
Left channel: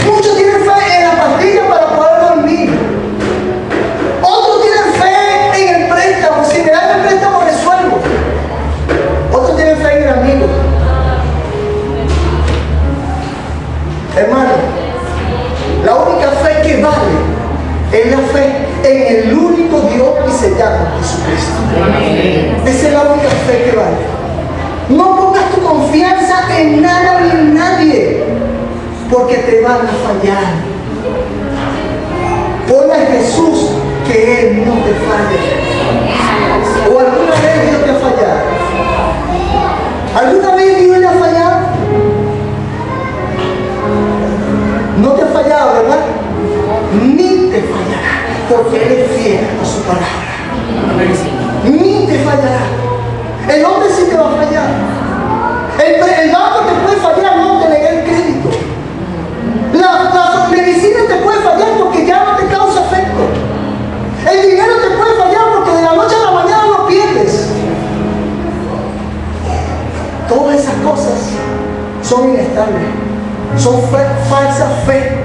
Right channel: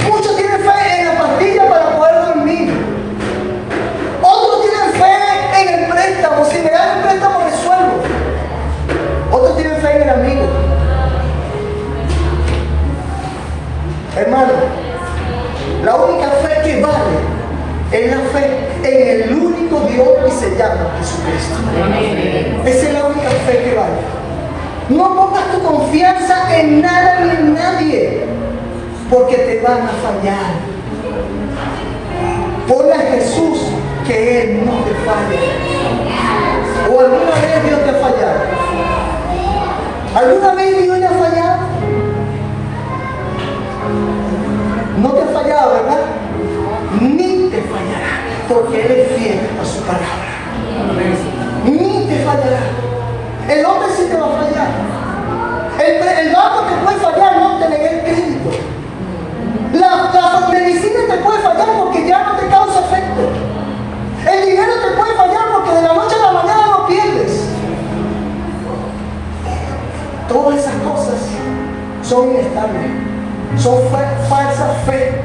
Muchos tienen fe en la pastilla para poder dormir. Otros tienen fe en el préstamo. Si me dan el préstamo, resuelvo. Otros tienen fe en el amigo. Hermano, la única fe que vale es la fe en el único Dios que se llama Jesucristo. Esa es la única fe que vale. No pongas tu confianza en nada ni en nadie, porque te van a fallar. Ponle a Jesús que Él no te falla. ¿O alguna vez Dios te ha fallado? ¿Alguna vez Dios le ha fallado? No te ha fallado, ¿verdad? Ni te fallará, porque Él es fiel a su palabra. Ni te fallará. El hombre sí te va a fallar. El banco te puede fallar, no te negué el crédito. La medicina te puede fallar porque ya no te causa efecto. El dinero te puede fallar porque de la noche a la mañana lo pierdes. Todas esas cosas son inestables. Son falsa fe.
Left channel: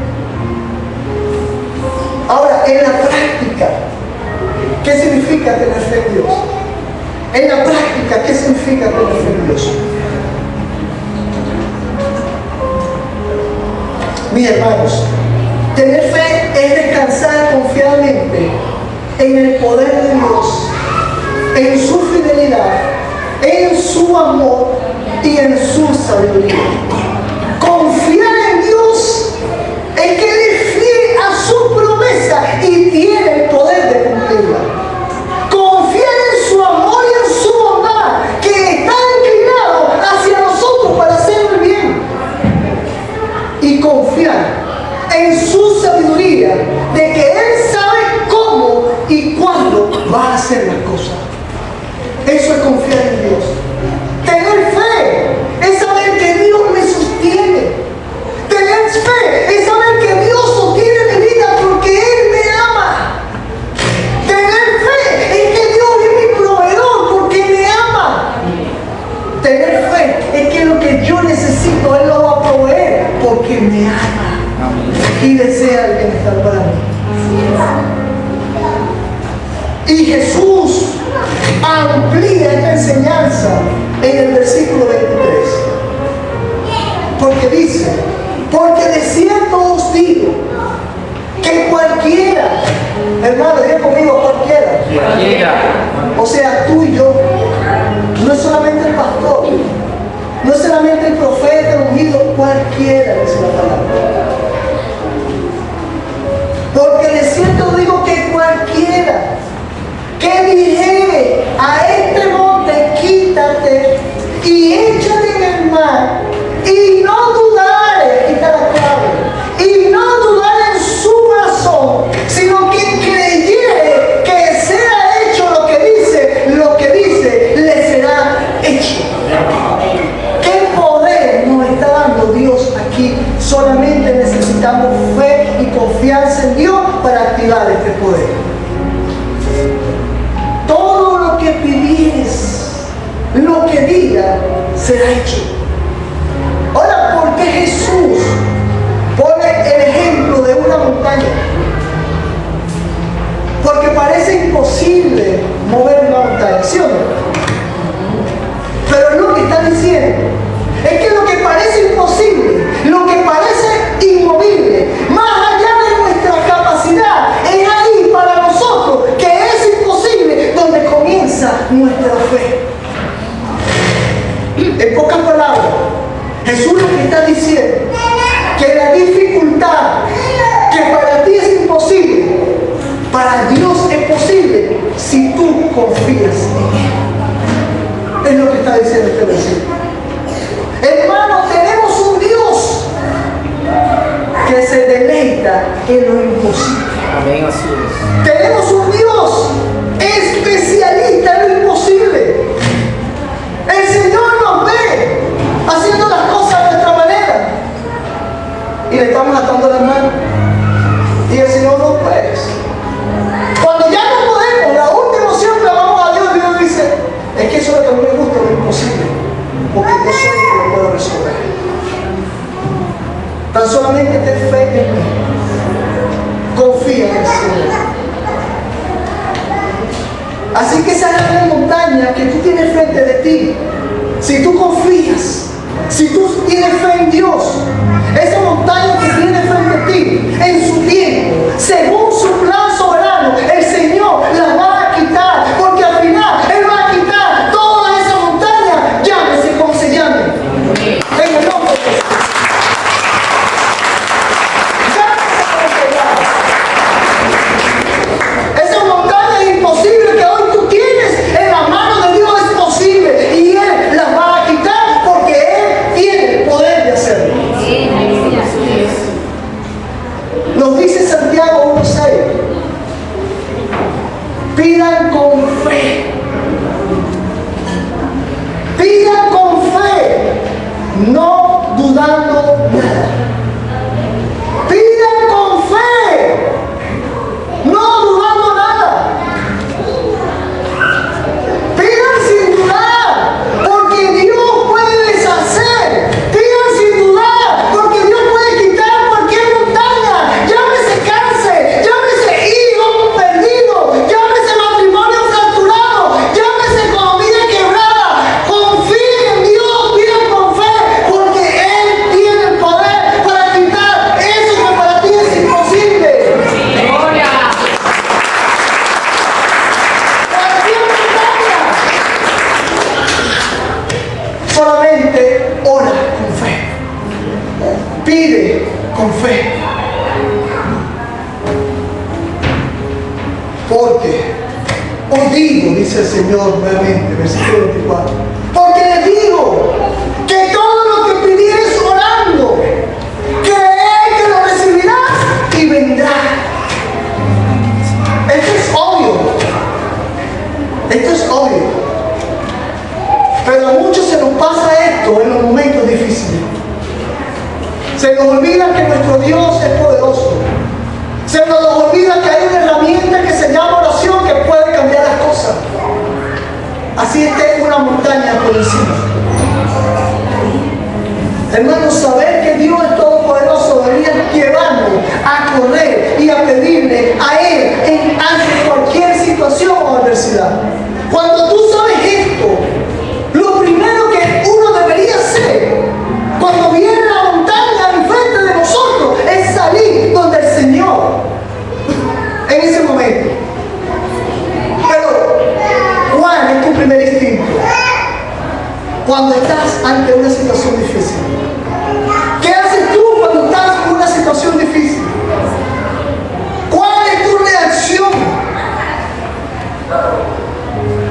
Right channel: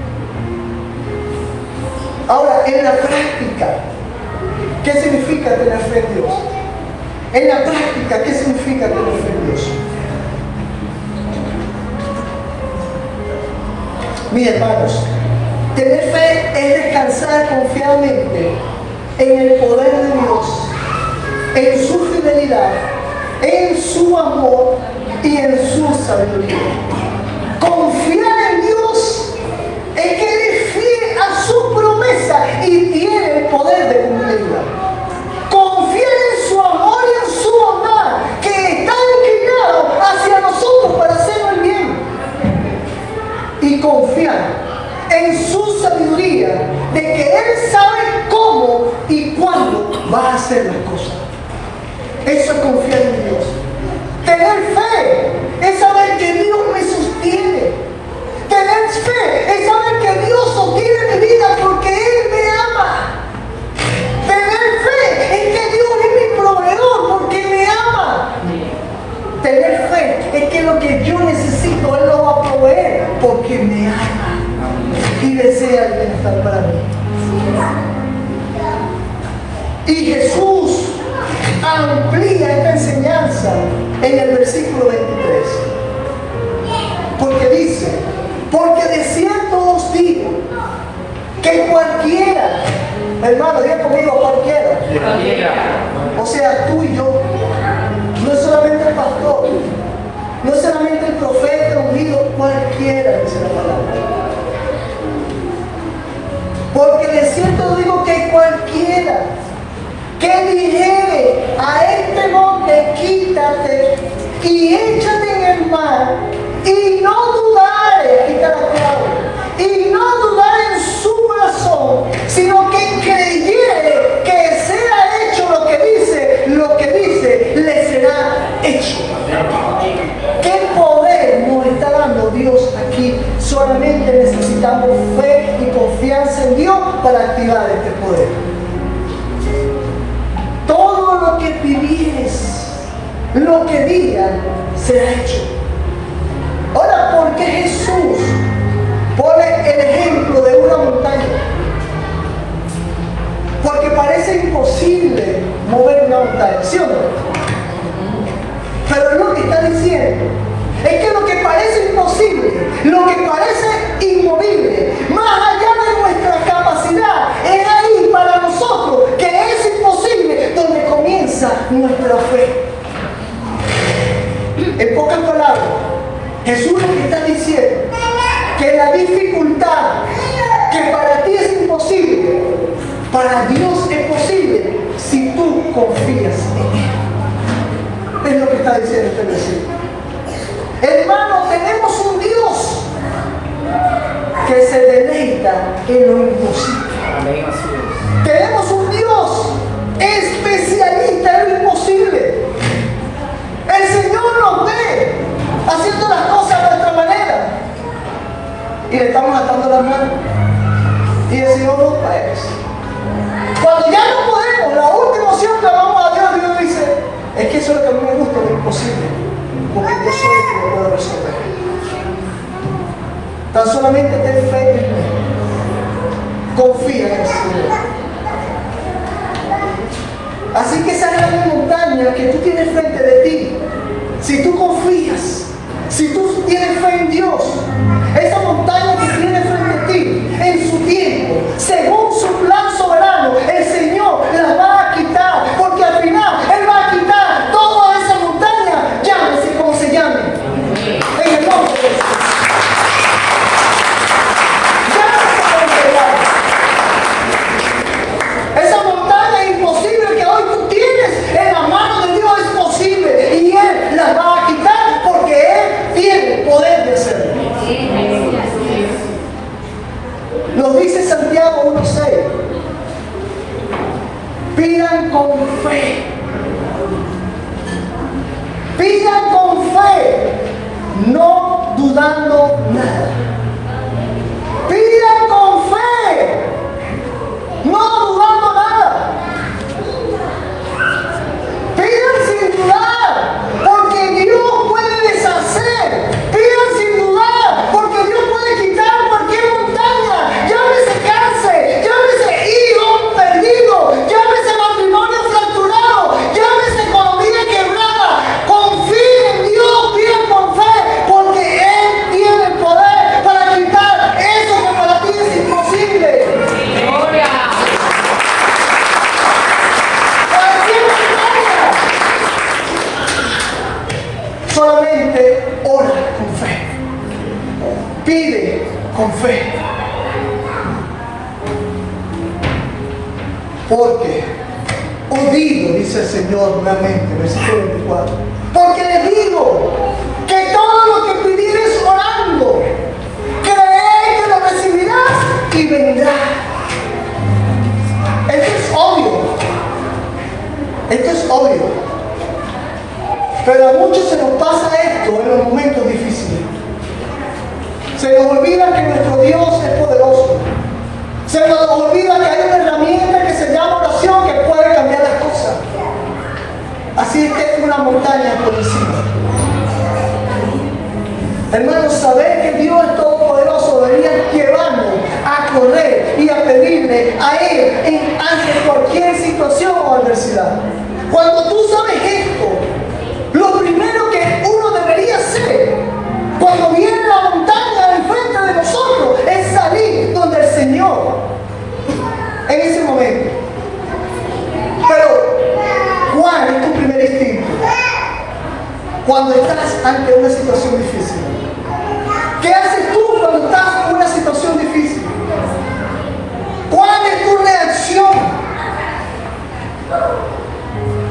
Ahora, en la práctica, ¿qué significa tener fe en Dios? En la práctica, ¿qué significa tener fe en Dios? Mis hermanos, tener fe es descansar confiadamente en el poder de Dios, en su fidelidad, en su amor y en su sabiduría. Confiar en Dios es que Él es fiel a su promesa y tiene el poder de cumplirla. Confiar en su amor y en su bondad, que está inclinado hacia nosotros para hacer el bien. Y confiar en su sabiduría, de que Él sabe cómo y cuándo va a hacer las cosas. Eso es confiar en Dios. Tener fe es saber que Dios me sostiene. Tener fe es saber que Dios sostiene mi vida porque Él me ama. Tener fe es que Dios es mi proveedor porque me ama. Tener fe es que lo que yo necesito Él lo va a proveer porque me ama y desea el bienestar para mí. Y Jesús amplía esta enseñanza en el versículo 23. Porque dice, porque de cierto os digo que cualquiera, hermano, diga conmigo, cualquiera. O sea, tú y yo, no es solamente el pastor, no es solamente el profeta ungido, cualquiera, dice la palabra. Porque de cierto digo que cualquiera que dijere a este monte, quítate y échate en el mar, y no dudare, quita la clave, y no dudare en su corazón, sino que creyere que sea hecho lo que dice, le será hecho. ¿Qué poder nos está dando Dios aquí? Solamente necesitamos fe y confianza en Dios para activar este poder. Todo lo que pidieres, lo que digas, será hecho. Ahora, ¿por qué Jesús pone el ejemplo de una montaña? Porque parece imposible mover una montaña, ¿sí o no? Pero lo que está diciendo es que lo que parece imposible, lo que parece inmovible, más allá de nuestra capacidad, es ahí para nosotros que es imposible donde comienza nuestra fe. En pocas palabras, Jesús lo que está diciendo que la dificultad que para ti es imposible, para Dios es posible si tú confías en Él. Es lo que está diciendo este versículo. Hermanos, tenemos un Dios que se deleita en lo imposible. Amén, así es. Tenemos un Dios especialista en lo imposible. El Señor nos ve haciendo las cosas de nuestra manera y le estamos atando las manos. Y el Señor no puede. Cuando ya no podemos, la última opción que vamos a Dios, Dios dice, es que eso es lo que a mí me gusta, lo imposible, porque yo soy el que lo puedo resolver. Tan solamente ten fe en mí. Confía en el Señor. Así que esa gran montaña que tú tienes frente de ti, si tú confías, si tú tienes fe en Dios, esa montaña que tienes frente a ti, en su tiempo, según su plan soberano, el Señor la va a quitar, porque al final Él va a quitar toda esa montaña, llámese como se llame, en el nombre de Jesús. Llámese como se llame. Esa montaña imposible que hoy tú tienes en la mano de Dios es posible, y Él la va a quitar porque Él tiene el poder de hacerlo. Nos dice Santiago 1:6. Pidan con fe. Pidan con fe, no dudando nada. Pidan con fe, no dudando nada. Pidan sin dudar, porque Dios puede deshacer. Pidan sin dudar, porque Dios puede quitar cualquier montaña. Llámese cáncer, llámese hijo perdido, llámese matrimonio fracturado, llámese economía quebrada. Confíen en Dios, pidan con fe, porque Él tiene el poder para quitar eso que para ti es imposible. Cualquier montaña. Solamente ora con fe. Pide con fe. Porque os digo, dice el Señor nuevamente, versículo 24. Porque les digo que todo lo que pidieres orando, creed que lo recibirás y vendrá. Esto es obvio. Esto es obvio. Pero a muchos se nos pasa esto en los momentos difíciles. Se nos olvida que nuestro Dios es poderoso. Se nos olvida que hay una herramienta que se llama oración que puede cambiar las cosas. Así esté una montaña por encima. Hermanos, saber que Dios es todopoderoso debería llevarnos a correr y a pedirle a Él ante cualquier situación o adversidad. Cuando tú sabes esto, lo primero que uno debería hacer cuando viene la montaña enfrente de nosotros es salir donde el Señor en ese momento. Pero, ¿cuál es tu primer instinto? Cuando estás ante una situación difícil. ¿Qué haces tú cuando estás en una situación difícil? ¿Cuál es tu reacción?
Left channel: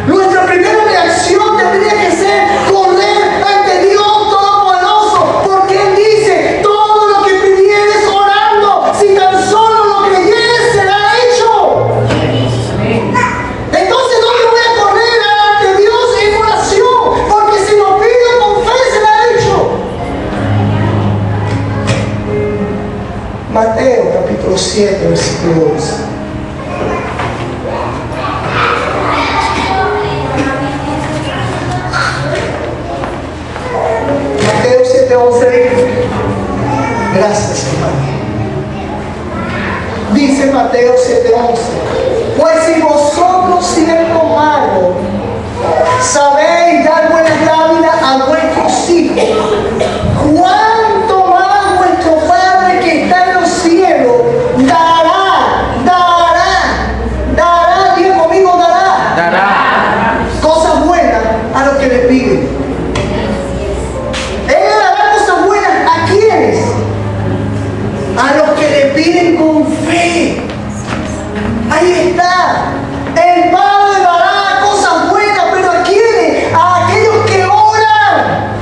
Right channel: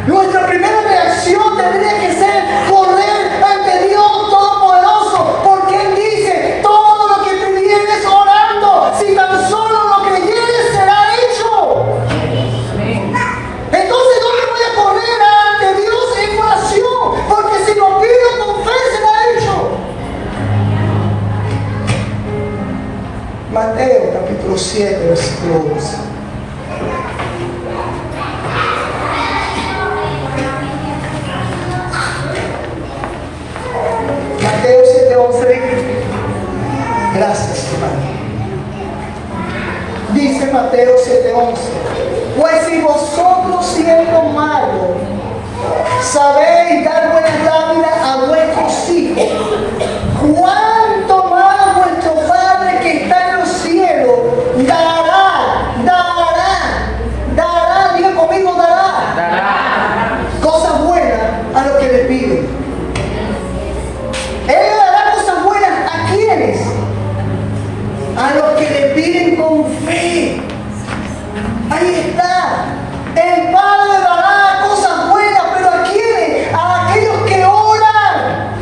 Nuestra primera reacción tendría que ser correr ante Dios Todopoderoso, porque Él dice, todo lo que pidieres orando, si tan solo lo creyeres será hecho. Entonces, ¿dónde voy a correr ante Dios en oración? Porque si lo pido con fe será hecho. Mateo capítulo 7, versículo 11. Mateo 7:11. Gracias, Señor. Dice Mateo 7:11. Pues si vosotros siendo malos sabéis dar buenas dávidas a vuestros hijos, cuánto más vuestro Padre que está en los cielos dará, diga conmigo, dará cosas buenas a los que le piden. Él le dará cosas buenas a quienes, a los que le piden con fe. Ahí está. El Padre dará cosas buenas, pero ¿a quiénes? A aquellos que oran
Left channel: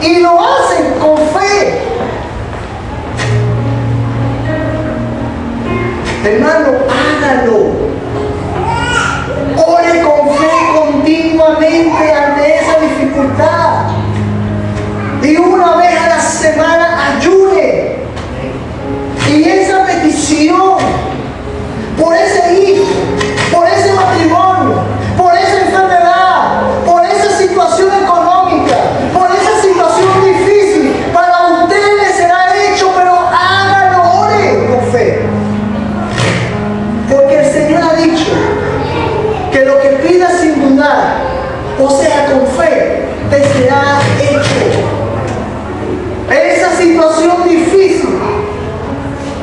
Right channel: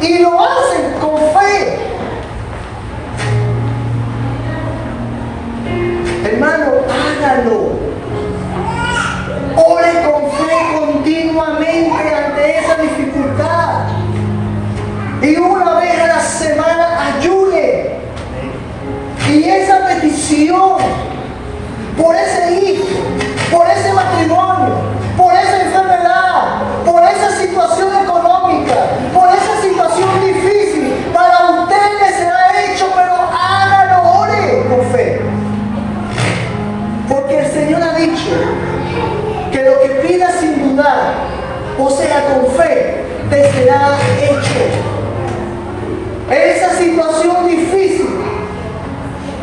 y lo hacen con fe. Hermano, hágalo. Ore con fe continuamente ante esa dificultad. Y una vez a la semana ayune. Y esa petición por ese hijo, por ese matrimonio, por esa enfermedad, por esa situación económica, por esa situación difícil, para usted le será hecho, pero hágalo, ore con fe. Porque el Señor ha dicho que lo que pidas sin dudar, o sea, con fe, te será hecho. Esa situación difícil,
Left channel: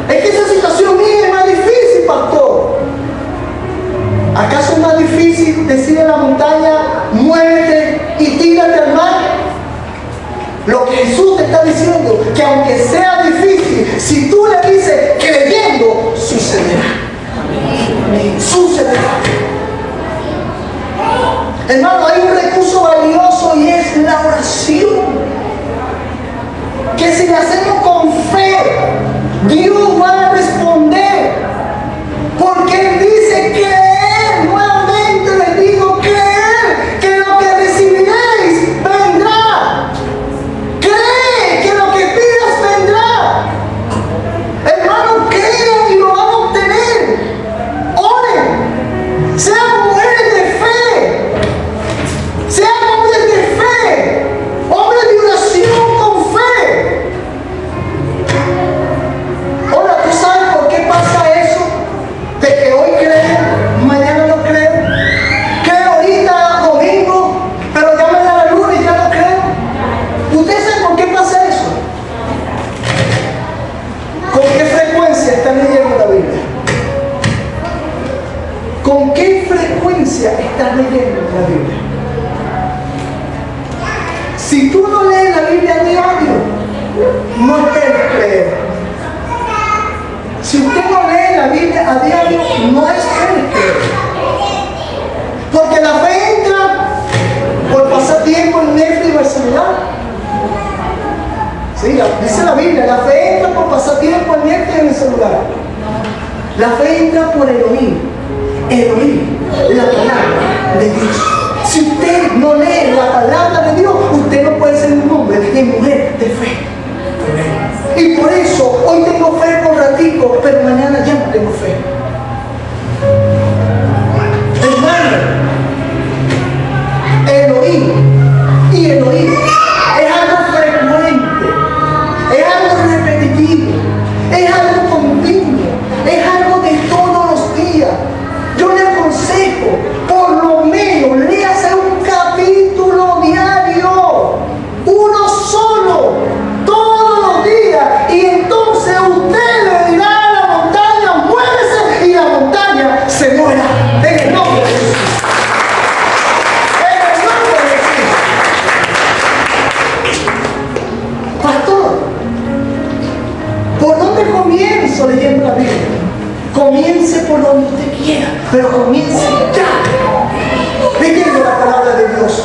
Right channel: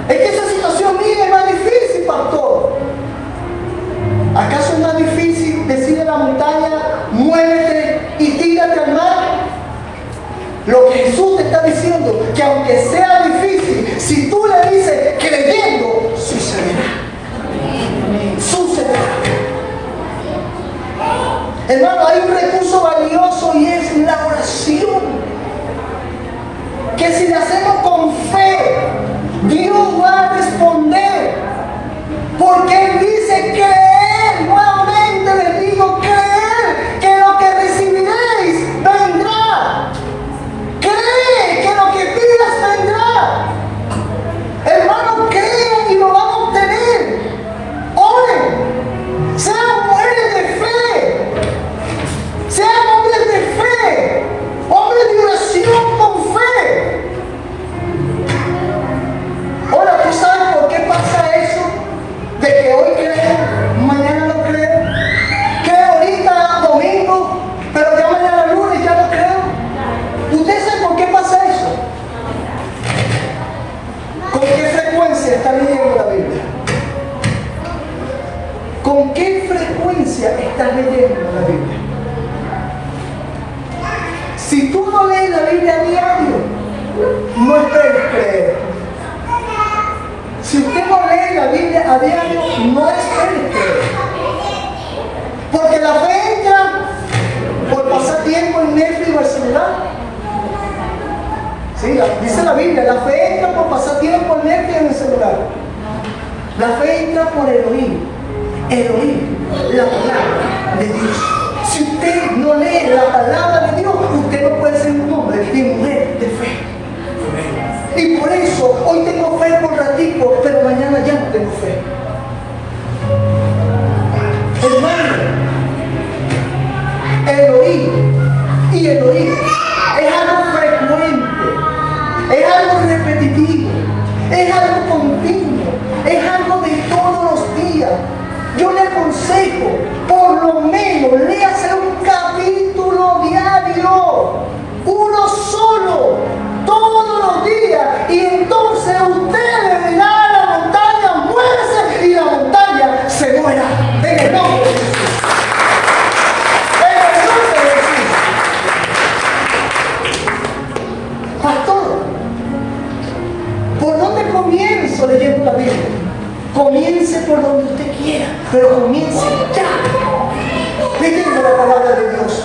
es que esa situación mía es más difícil, pastor. ¿Acaso es más difícil decirle a la montaña, muévete y tírate al mar? Lo que Jesús te está diciendo, que aunque sea difícil, si tú le dices creyendo, sucederá. Sucederá. Hermano, hay un recurso valioso y es la oración. Que si le hacemos con fe, Dios va a responder. Porque Él dice creer, nuevamente les digo, creer que lo que recibiréis vendrá. Cree que lo que pidas vendrá. Hermano, crean y lo van a obtener. Oren. Sean mujeres de fe. Sean hombres de fe. Hombres de oración con fe. Ahora, ¿tú sabes por qué pasa eso? De que hoy creo, mañana no creo. Creo ahorita domingo, pero ya mañana lunes ya no creo. ¿Ustedes saben por qué pasa eso? ¿Con qué frecuencia están leyendo la Biblia? ¿Con qué frecuencia estás leyendo la Biblia? Si tú no lees la Biblia a diario, no esperes creer. Si usted no lee la Biblia a diario, no espere creer. Porque la fe entra por pasar tiempo en Netflix y Barcelona. Sí, dice la Biblia, la fe entra por pasar tiempo en Netflix y en el celular. La fe entra por el oír la palabra de Dios. Si usted no lee la palabra de Dios, usted no puede ser un hombre y mujer de fe. Y por eso hoy tengo fe por ratico, pero mañana ya no tengo fe. Hermano, el oír y el oír es algo frecuente, es algo repetitivo, es algo continuo, es algo de todos los días. Yo le aconsejo, por lo menos, léase un capítulo diario, uno solo, todos los días, y entonces usted le dirá a la montaña, muévese, y la montaña se muera. En el nombre de Jesús. En el nombre de Jesús. Pastor, ¿por dónde comienzo leyendo la Biblia? Comience por donde usted quiera, pero comience ya, leyendo la palabra de Dios.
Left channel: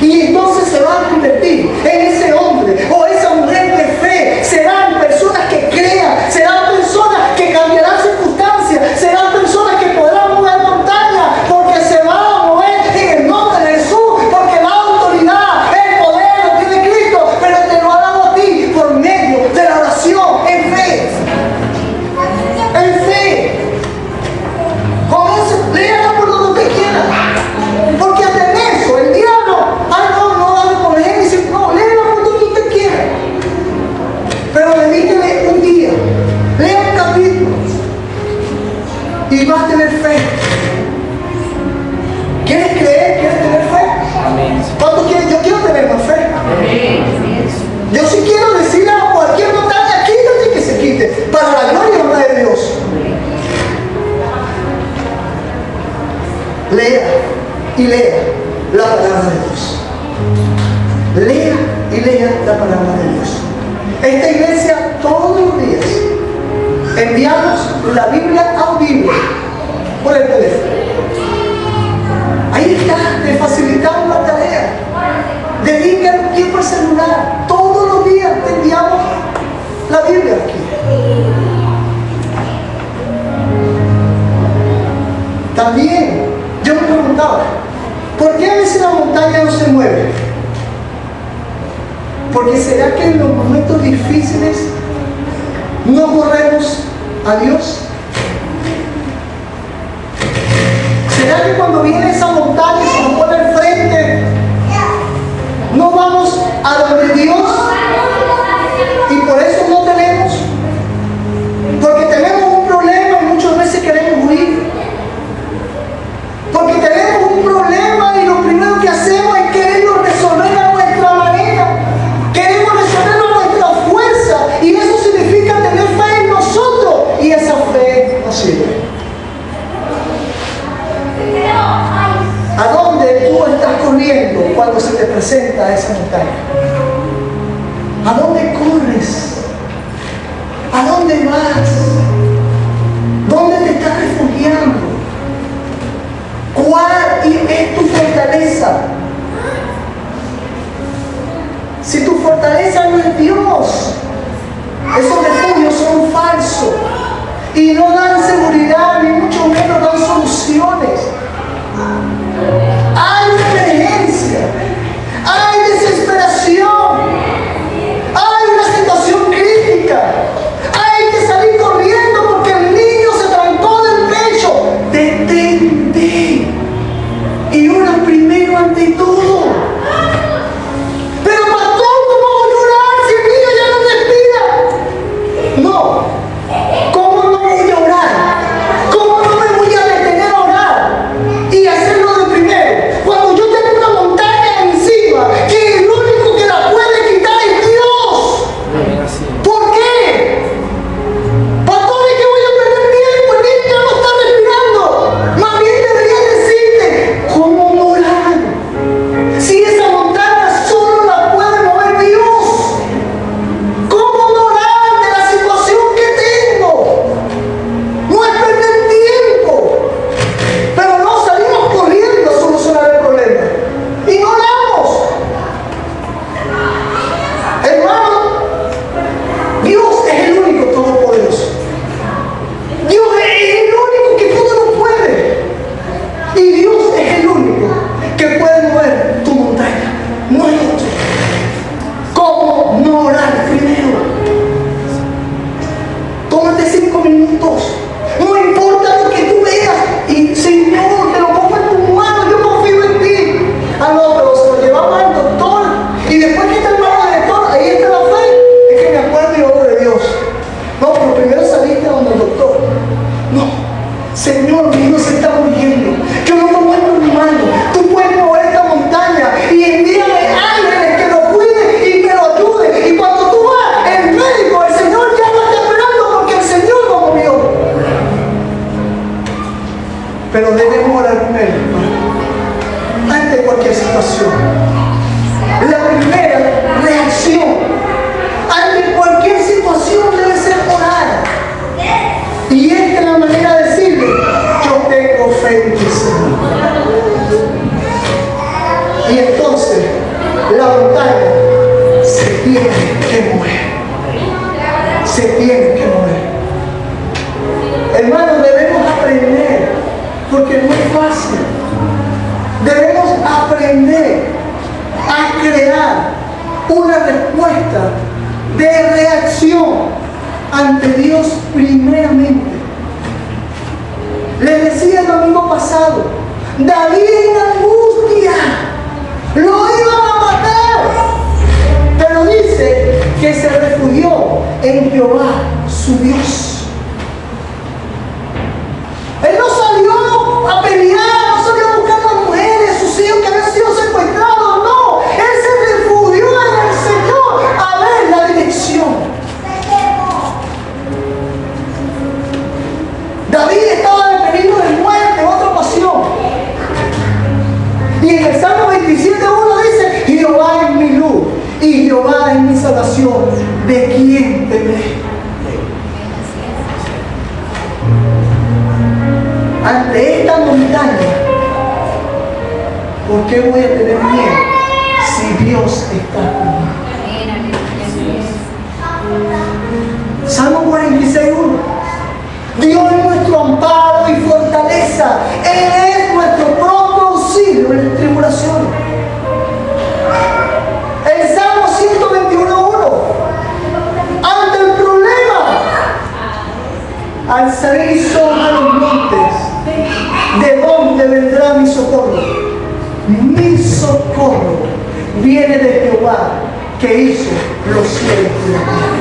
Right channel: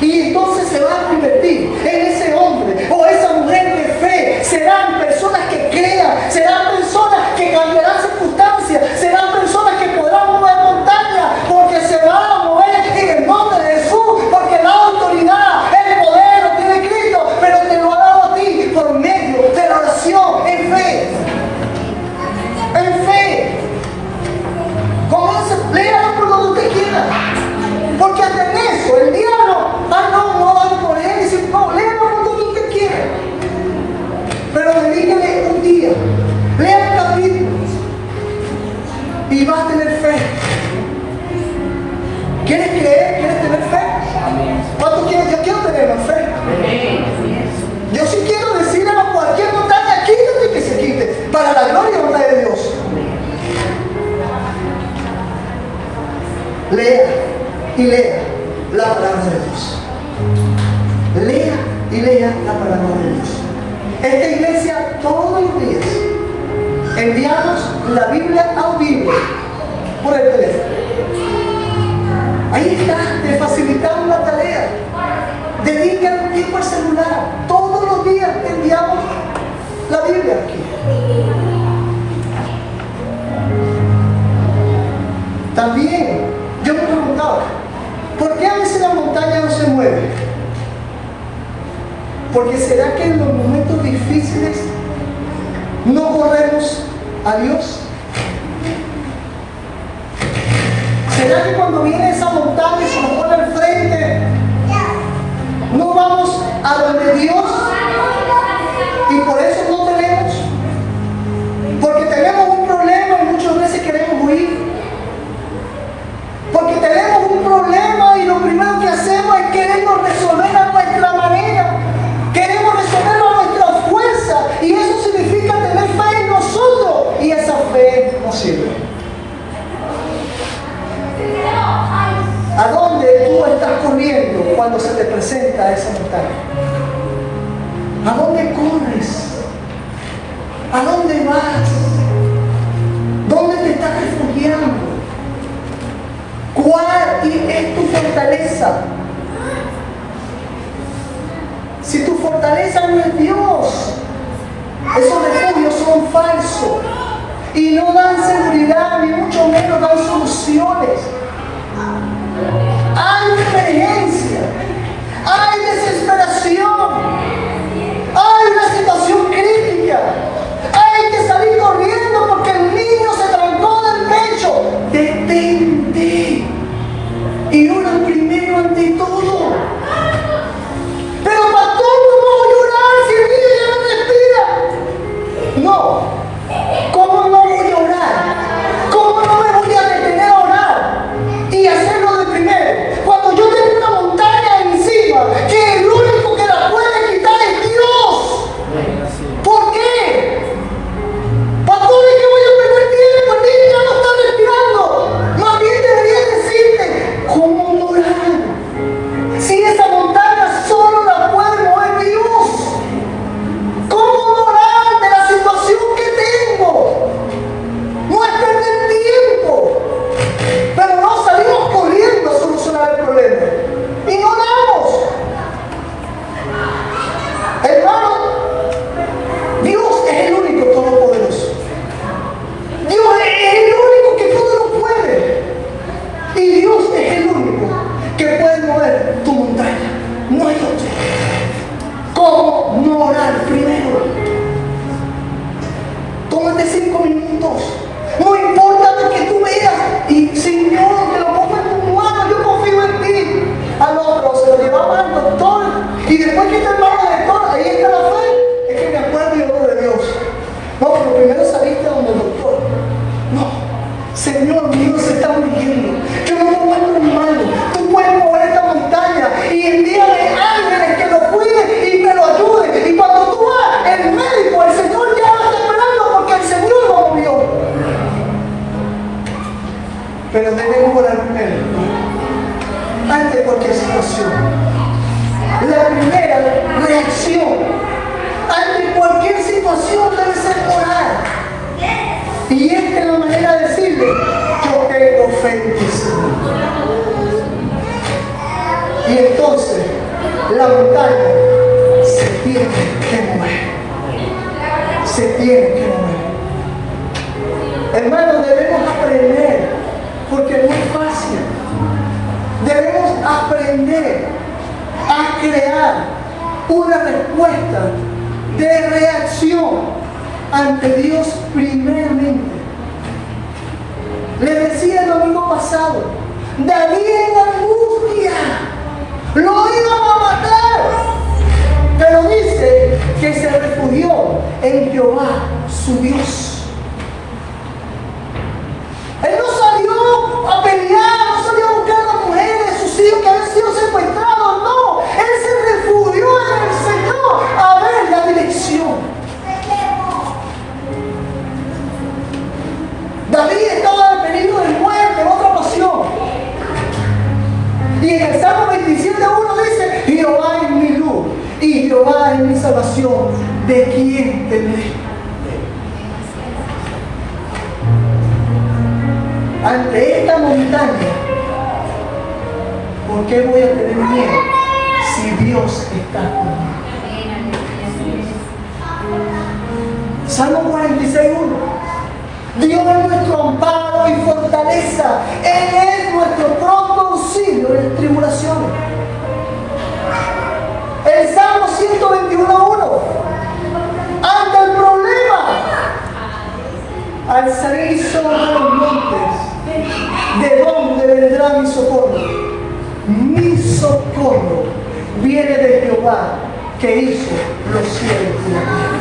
Y entonces se va a convertir en ese hombre o esa mujer de fe. Serán personas que crean, serán personas que cambiarán circunstancias, serán personas que podrán mover montañas, porque se van a mover en el nombre de Jesús, porque la autoridad, el poder lo tiene Cristo, pero te lo ha dado a ti por medio de la oración en fe. En fe. Comienza, léalo por donde usted quiera. Porque hasta en eso, el diablo, no dale por Génesis, no, léalo por donde usted quiera. Pero lea y lea la palabra de Dios. Lea y lea la palabra de Dios. Esta iglesia todos los días enviamos la Biblia audible por el teléfono. Ahí está, te facilitamos la tarea. Dedica un tiempo al celular. Todos los días te enviamos la Biblia aquí. También yo me preguntaba, ¿por qué a veces la montaña no se mueve? Porque será que en los momentos difíciles no corremos a Dios. ¿Será que cuando viene esa montaña y se nos pone al frente, no vamos a donde Dios? Y por eso no tenemos. Porque tenemos un problema y muchas veces queremos huir. Porque tenemos un problema y lo primero que hacemos es quererlo resolver a nuestra manera. Queremos resolverlo a nuestra fuerza. Y eso significa tener fe en nosotros. Y esa fe no sirve. ¿A dónde tú estás corriendo cuando se te presenta esa montaña? ¿A dónde corres? ¿A dónde vas? ¿Dónde te estás refugiando? ¿Cuál es tu fortaleza? Si tu fortaleza no es Dios, esos refugios son falsos y no dan seguridad, ni mucho menos dan soluciones. Hay una emergencia, hay desesperación, hay una situación crítica, hay que salir corriendo porque el niño se trancó del pecho. Detente y ora primero ante todo. Pero pastor, ¿cómo voy a orar si el niño ya no respira? No. ¿Cómo no voy a orar? ¿Cómo no me voy a detener a orar? Y hacerlo de primero. Cuando yo tengo una montaña encima, que el único que la puede quitar es Dios. ¿Por qué? Pastor, ¿es que voy a perder tiempo? El niño ya no está respirando. Más bien debería decirte, ¿cómo no orar? Si esa montaña solo la puede mover Dios. ¿Cómo no orar de la situación que tengo? No es perder tiempo. Pero no salimos corriendo a solucionar el problema. Y no oramos. Hermano, Dios es el único todopoderoso. Dios es el único que todo lo puede. Y Dios es el único que puede mover tu montaña. No hay otro. ¿Cómo no orar primero? Tómate 5 minutos. No importa lo que tú veas. Y Señor, te lo pongo en tus manos. Yo confío en ti. Ah, no, pero se lo llevamos al doctor. Y después que terminamos al doctor, ahí está la fe. Es que me acuerdo y oro de Dios. No, pero primero saliste donde el doctor. No. Señor, mi hijo se está muriendo. Yo lo pongo en tus manos. Tú puedes mover esta montaña. Y envíame ángeles que lo cuiden y que lo ayuden. Y cuando tú vas, el médico, el Señor ya lo está esperando porque el Señor lo movió. Pero debemos orar primero. Ante cualquier situación. La primera reacción ante cualquier situación debe ser orar. Y esta es la manera de decirle, yo tengo fe en ti, Señor. Y entonces la montaña se tiene que mover. Se tiene que mover. Hermanos, debemos aprender, porque no es fácil. Debemos aprender a crear una respuesta de reacción ante Dios primeramente. Les decía el domingo pasado, David en angustia, lo iban a matar, pero dice que se refugió en Jehová, su Dios. Él no salió a pelear, no salió a buscar a las mujeres, sus hijos que habían sido secuestrados, no. Él se refugió en el Señor a ver la dirección. David estaba en peligro de muerte en otra ocasión. Jehová es mi salvación, ¿de quién temeré? Ante esta montaña, ¿por qué voy a tener miedo si Dios está conmigo? Salmo 46:1. Dios es nuestro amparo y fortaleza. Él es nuestro propio auxilio en las tribulaciones. El Salmo 121:1. Ante el problema, alzaré mis ojos a los montes. ¿De dónde vendrá mi socorro? Mi socorro viene de Jehová, que hizo los cielos y la tierra.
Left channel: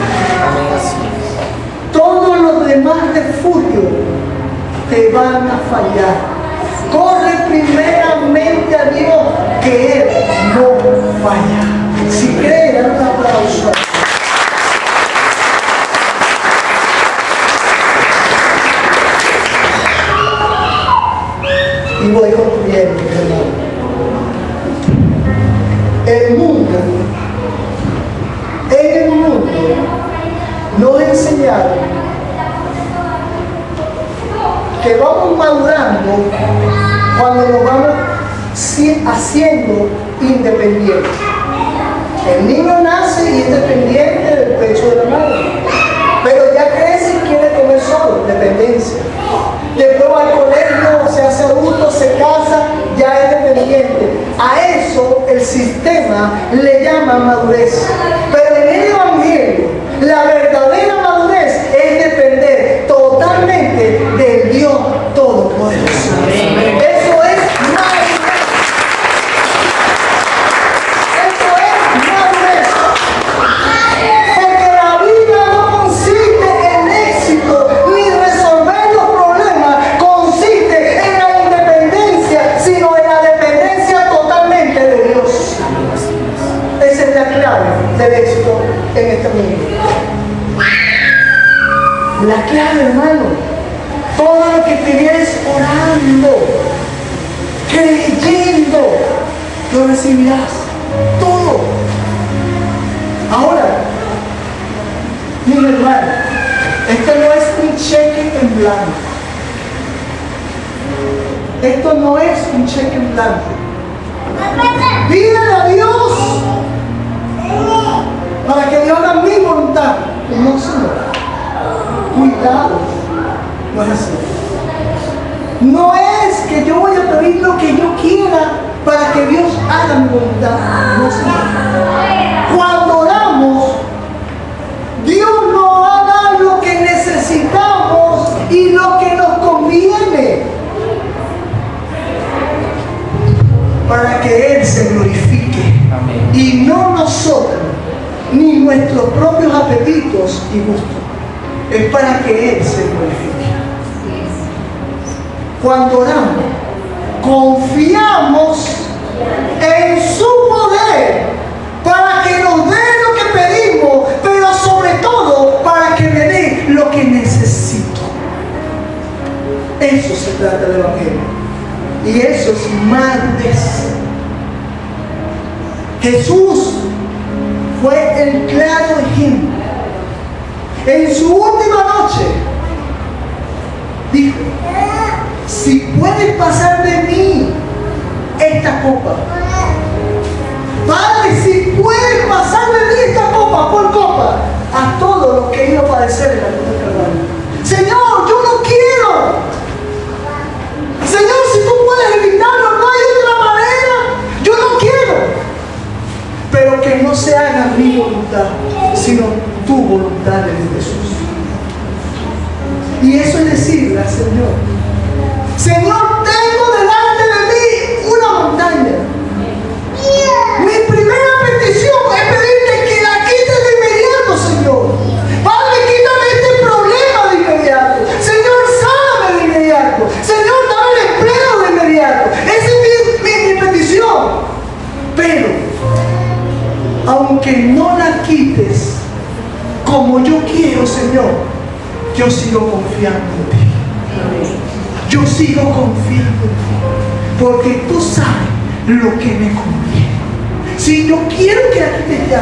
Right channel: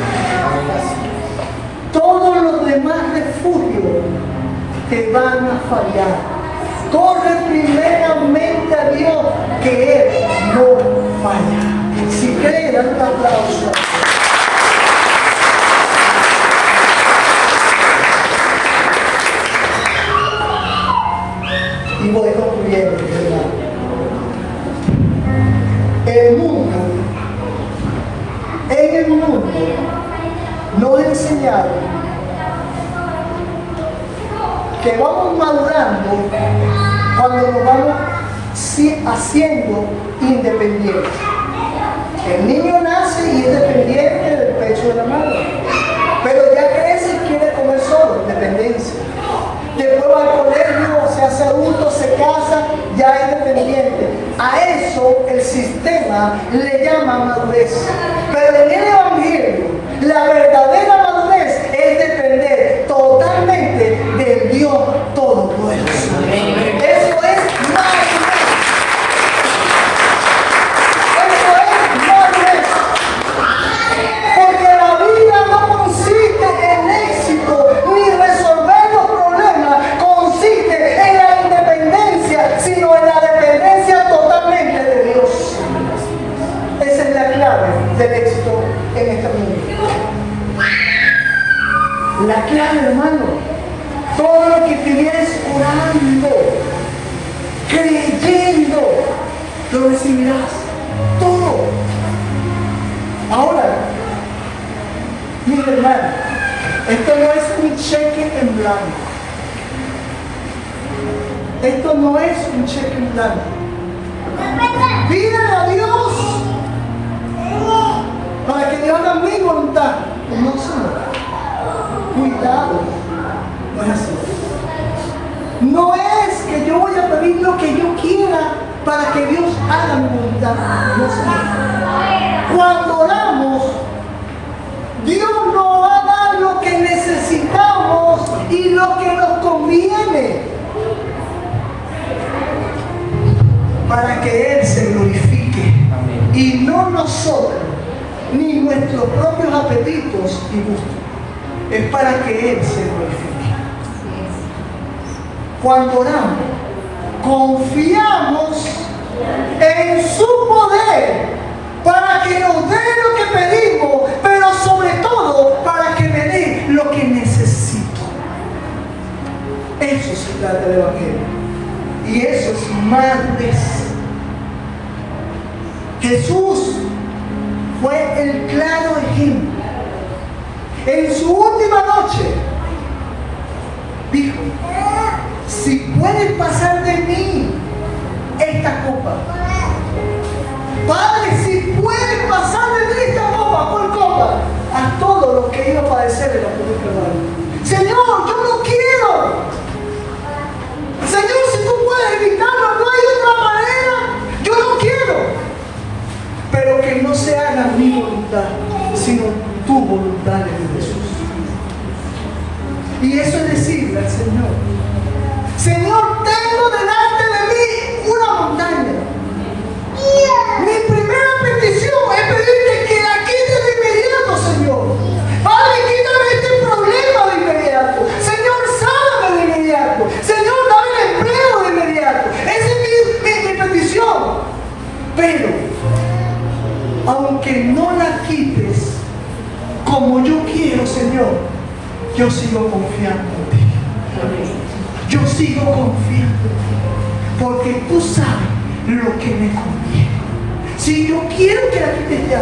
Todos los demás refugios te van a fallar. Corre primeramente a Dios, que Él no falla. Si cree, dan un aplauso. Y voy concluyendo, hermano. En el mundo, nos enseñaron que vamos madurando cuando nos vamos haciendo independientes. El niño nace y es dependiente del pecho de la madre, pero ya crece y quiere comer solo, dependencia. Después va al colegio, se hace adulto, se casa, ya es dependiente. A eso el sistema le llama madurez. Pero en el Evangelio, la verdadera madurez es depender totalmente del Dios Todopoderoso. Eso es madurez. Eso es madurez. Porque la vida no consiste en éxito ni resolver los problemas, consiste en la independencia, sino en la dependencia totalmente de Dios. Esa es la clave del éxito en esta vida. La clave, hermano, todo lo que tienes orando, creyendo, lo recibirás. Todo. Ahora, mire, hermano, esto no es un cheque en blanco. Esto no es un cheque en blanco. Pídale a Dios para que Dios haga mi voluntad. No, Señor. Cuidado, no es así. No es que yo voy a pedir lo que yo quiera para que Dios haga mi voluntad. No, Señor. Cuando oramos, Dios nos va a dar lo que necesitamos y lo que nos conviene para que Él se glorifique. Y no nosotros, ni nuestros propios apetitos y gustos. Es para que Él se glorifique. Cuando oramos, confiamos en su poder para que nos dé lo que pedimos, pero sobre todo para que me dé lo que necesito. Eso se trata del Evangelio. Y eso es madurez. Jesús fue el claro ejemplo. En su última noche dijo: si puedes pasar de mí esta copa, Padre, si puedes pasar de mí esta copa por copa, a todo lo que iba a padecer en la cruz del Calvario. Señor, yo no quiero. Señor, si tú puedes evitarlo, no hay otra manera. Yo no quiero. Pero que no se haga mi voluntad, sino tu voluntad en Jesús. Y eso es decirle al Señor: Señor, tengo delante de mí una montaña. Mi primera petición es pedirte que la quites de inmediato, Señor. Padre, quítame este problema de inmediato. Señor, sáname de inmediato. Señor, dame el empleo de inmediato. Esa es mi petición. Pero, aunque no la quites como yo quiero, Señor, yo sigo confiando en ti. Yo sigo confiando en ti, porque tú sabes lo que me conviene. Si yo quiero que la quites ya,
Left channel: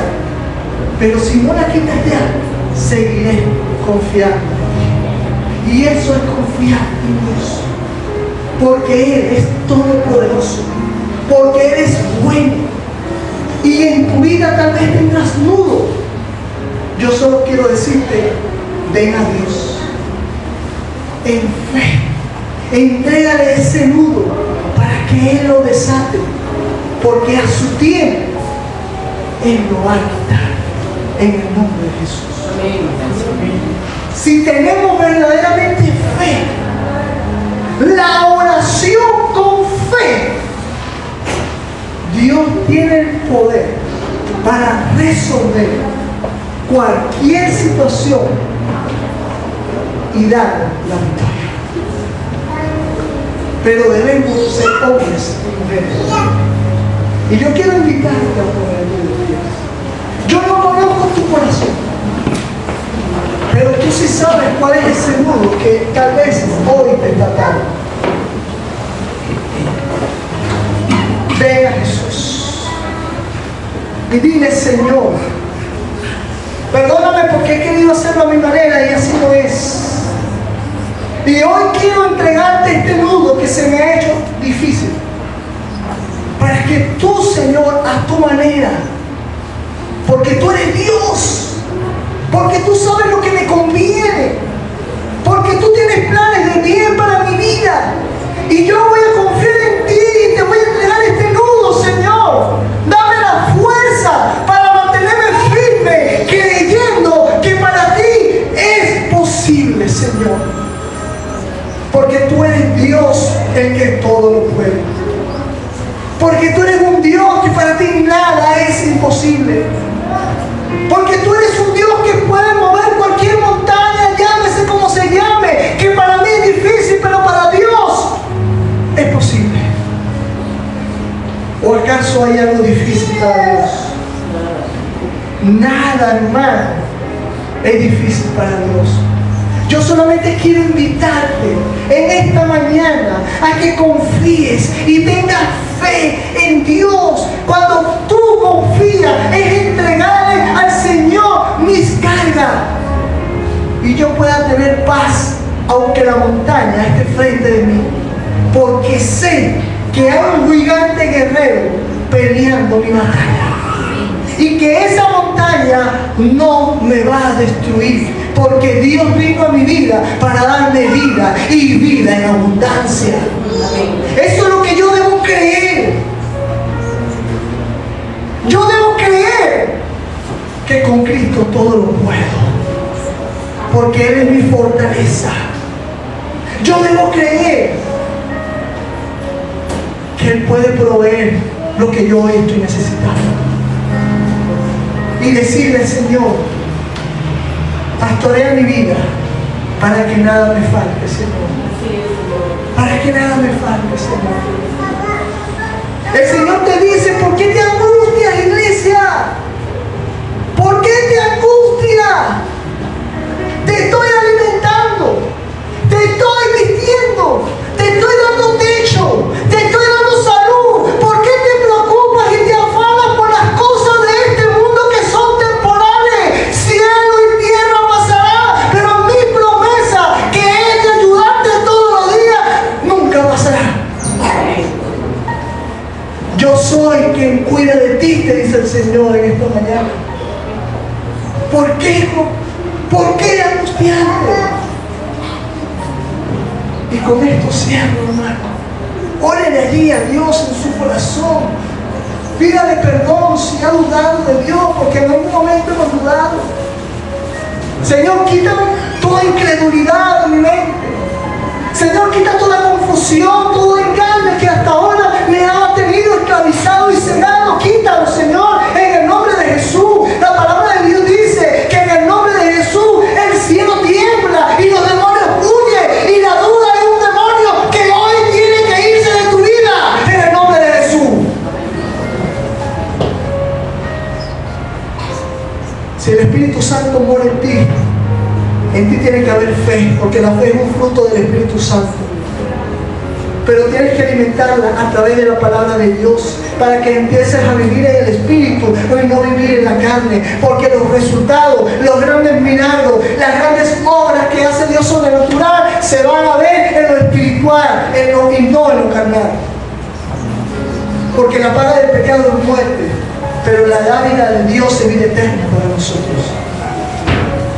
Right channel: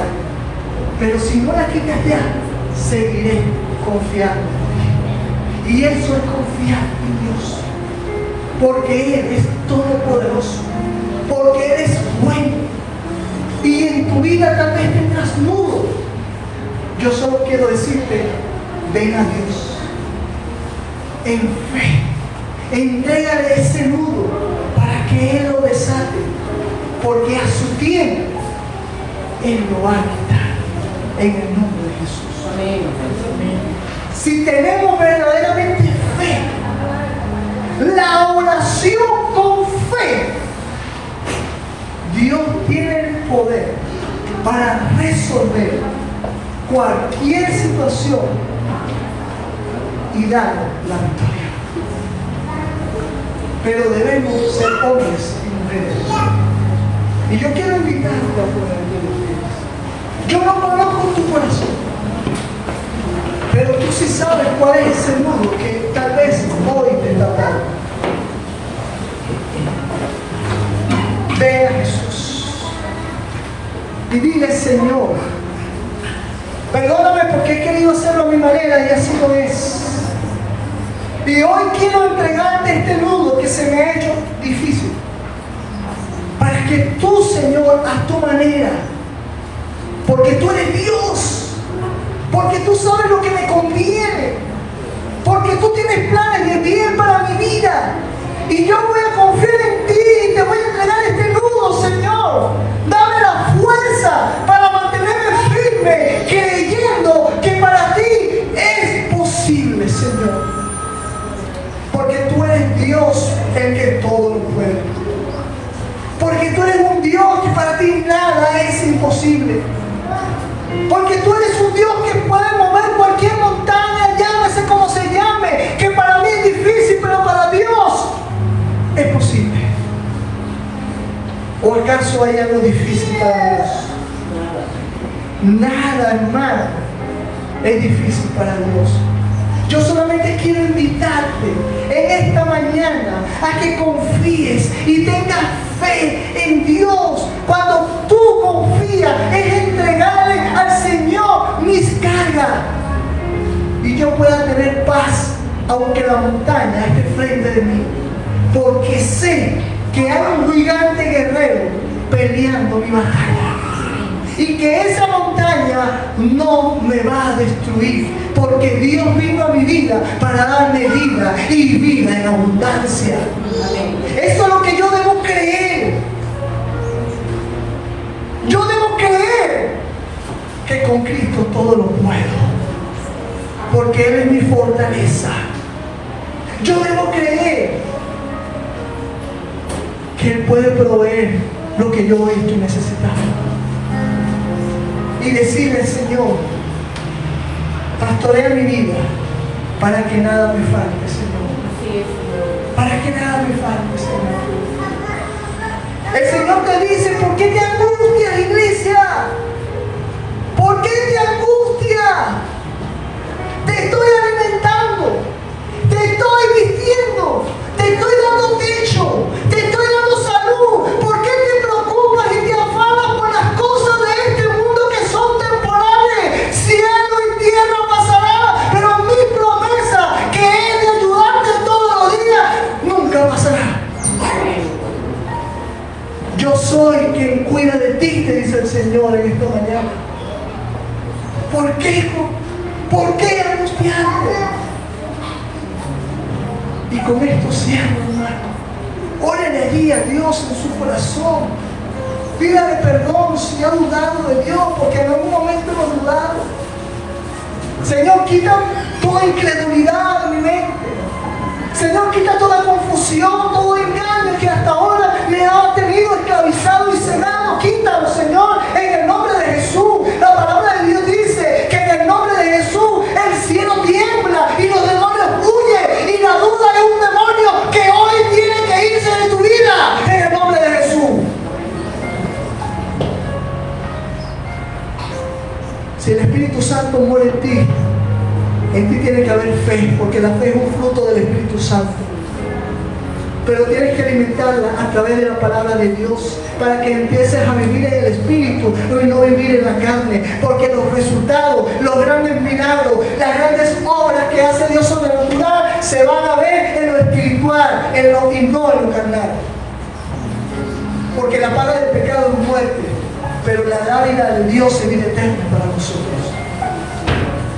pero si no la quitas ya, seguiré confiando. Y eso es confiar en Dios, porque Él es todopoderoso, porque Él es bueno. Y en tu vida tal vez tengas nudo. Yo solo quiero decirte, ven a Dios en fe, entrégale ese nudo para que Él lo desate, porque a su tiempo Él lo va a quitar, en el nombre de Jesús. Amén. Si tenemos verdaderamente fe, la oración con fe, Dios tiene el poder para resolver cualquier situación y dar la victoria. Pero debemos ser hombres y mujeres. Y yo quiero invitarte a poner tu vida. Yo no conozco tu corazón, pero tú sí sabes cuál es ese nudo que tal vez hoy te está atando. Ven a Jesús y dile: Señor, perdóname porque he querido hacerlo a mi manera y así no es. Y hoy quiero entregarte este nudo que se me ha hecho difícil, para que tú, Señor, a tu manera, porque tú eres Dios, porque tú sabes lo que me conviene, porque tú tienes planes de bien para mi vida, y yo voy a confiar en ti y te voy a entregar este nudo, Señor. Dame la fuerza para mantenerme firme, creyendo que para ti es posible, Señor, porque tú eres Dios el que todo lo puede, porque tú eres un Dios que para ti nada es imposible, porque tú eres un Dios que puede mover cualquier montaña, llámese como se llame, que para mí es difícil, pero para Dios es posible. ¿O acaso hay algo difícil para Dios? Nada, hermano, es difícil para Dios. Yo solamente quiero invitarte en esta mañana a que confíes y tengas fe en Dios. Cuando tú confías, es entregarle al Señor mis cargas, y yo pueda tener paz aunque la montaña esté frente de mí, porque sé que hay un gigante guerrero peleando mi batalla, y que esa montaña no me va a destruir, porque Dios vino a mi vida para darme vida y vida en abundancia. Eso es lo que yo debo creer. Yo debo creer que con Cristo todo lo puedo, porque Él es mi fortaleza. Yo debo creer que Él puede proveer lo que yo estoy necesitando, y decirle: Señor, pastorea mi vida para que nada me falte, Señor. Para que nada me falte, Señor. El Señor te dice: ¿por qué te angustias, iglesia? ¿Por qué te angustias? Te estoy alimentando, te estoy vistiendo, te estoy dando techo, te estoy dando salud. ¿Por qué te preocupas y te afanas por las cosas de este mundo que son temporales? Cielo y tierra pasará, pero mi promesa, que es de ayudarte todos los días, nunca pasará. Yo soy quien cuida de ti, te dice el Señor en esta mañana. ¿Por qué? ¿Por qué angustiarte? Y con esto cierro, hermano. Órale allí a Dios en su corazón. Pídale perdón si ha dudado de Dios, porque en algún momento hemos dudado. Señor, quita toda incredulidad de mi mente. Señor, quita toda confusión, todo engaño que hasta ahora me ha tenido esclavizado y cegado. Quítalo, Señor, en el nombre de Jesús. La palabra de Dios dice que en el nombre de Jesús el cielo tiembla y los demonios huyen, y la duda es un demonio que hoy tiene que irse de tu vida en el nombre de Jesús. Si el Espíritu Santo mora en ti tiene que haber fe, porque la fe es un fruto del Espíritu Santo. pero tienes que alimentarla a través de la palabra de Dios para que empieces a vivir en el Espíritu y no vivir en la carne, porque los resultados, los grandes milagros, las grandes obras que hace Dios sobrenatural se van a ver en lo espiritual, y no en lo carnal. Porque la paga del pecado es muerte, pero la dádiva de Dios es vida eterna para nosotros.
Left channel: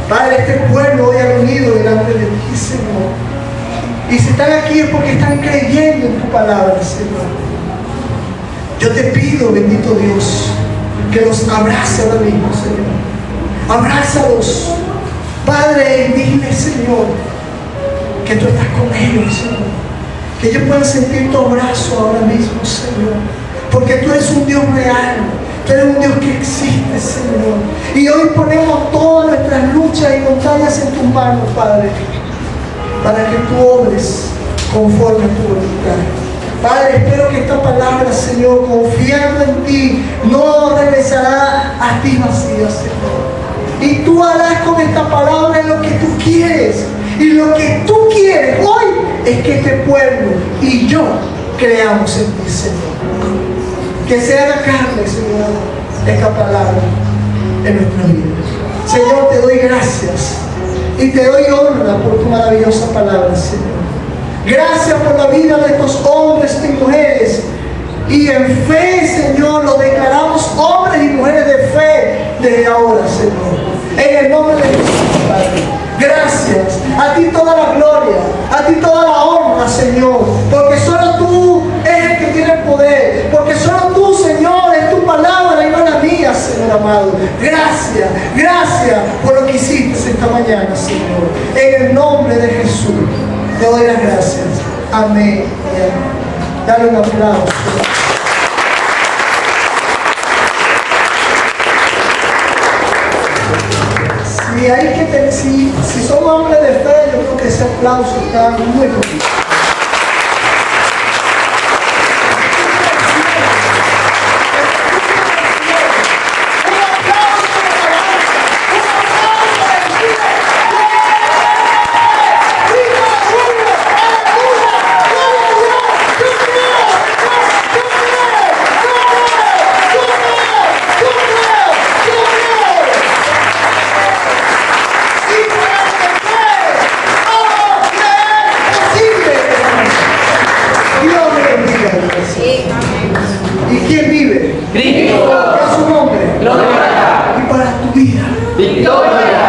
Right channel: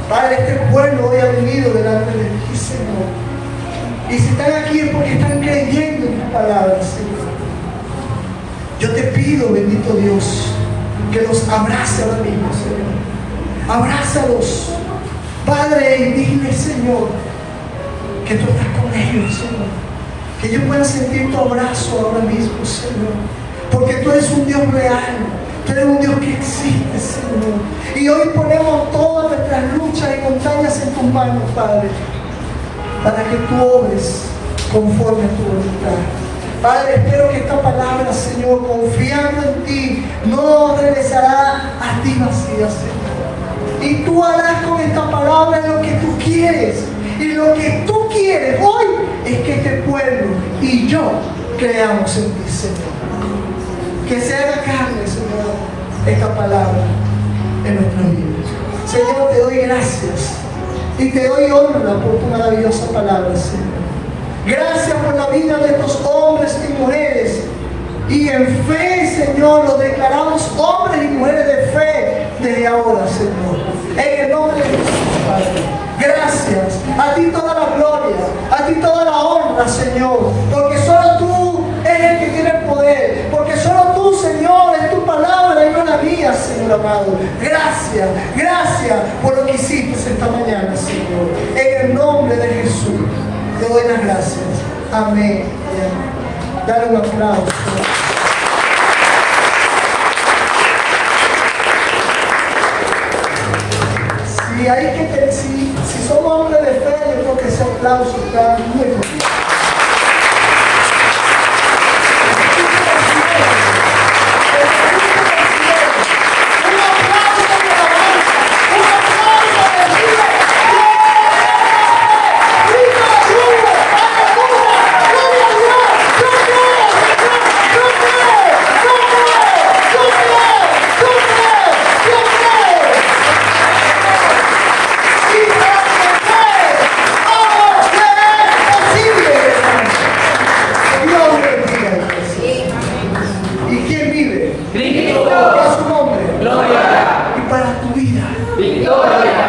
Padre, este pueblo hoy ha venido delante de ti, Señor. Y si están aquí es porque están creyendo en tu palabra, Señor. Yo te pido, bendito Dios, que los abrace ahora mismo, Señor. Abrázalos, Padre, y dile, Señor, que tú estás con ellos, Señor. Que ellos puedan sentir tu abrazo ahora mismo, Señor. Porque tú eres un Dios real. Tú eres un Dios que existe, Señor. Y hoy ponemos todas nuestras luchas y montañas en tus manos, Padre, para que tú obres conforme a tu voluntad. Padre, espero que esta palabra, Señor, confiando en ti, no regresará a ti vacía, Señor. Y tú harás con esta palabra lo que tú quieres. Y lo que tú quieres hoy es que este pueblo y yo creamos en ti, Señor. Que se haga carne, Señor, esta palabra en nuestra vida. Señor, te doy gracias y te doy honra por tu maravillosa palabra, Señor. Gracias por la vida de estos hombres y mujeres. Y en fe, Señor, los declaramos hombres y mujeres de fe desde ahora, Señor. En el nombre de Jesús, Padre. Gracias. A ti toda la gloria, a ti toda la honra, Señor. Porque solo tú eres el que tiene el poder. Porque solo tú, Señor, es tu palabra y no la mía, Señor amado. Gracias, gracias por lo que hiciste esta mañana, Señor. En el nombre de Jesús, te doy las gracias. Amén. Dale un aplauso. Si somos hombres de fe, yo creo que ese aplauso está muy bonito. ¿Y quién vive? Cristo. A su nombre. Gloria. Y para tu vida. Victoria.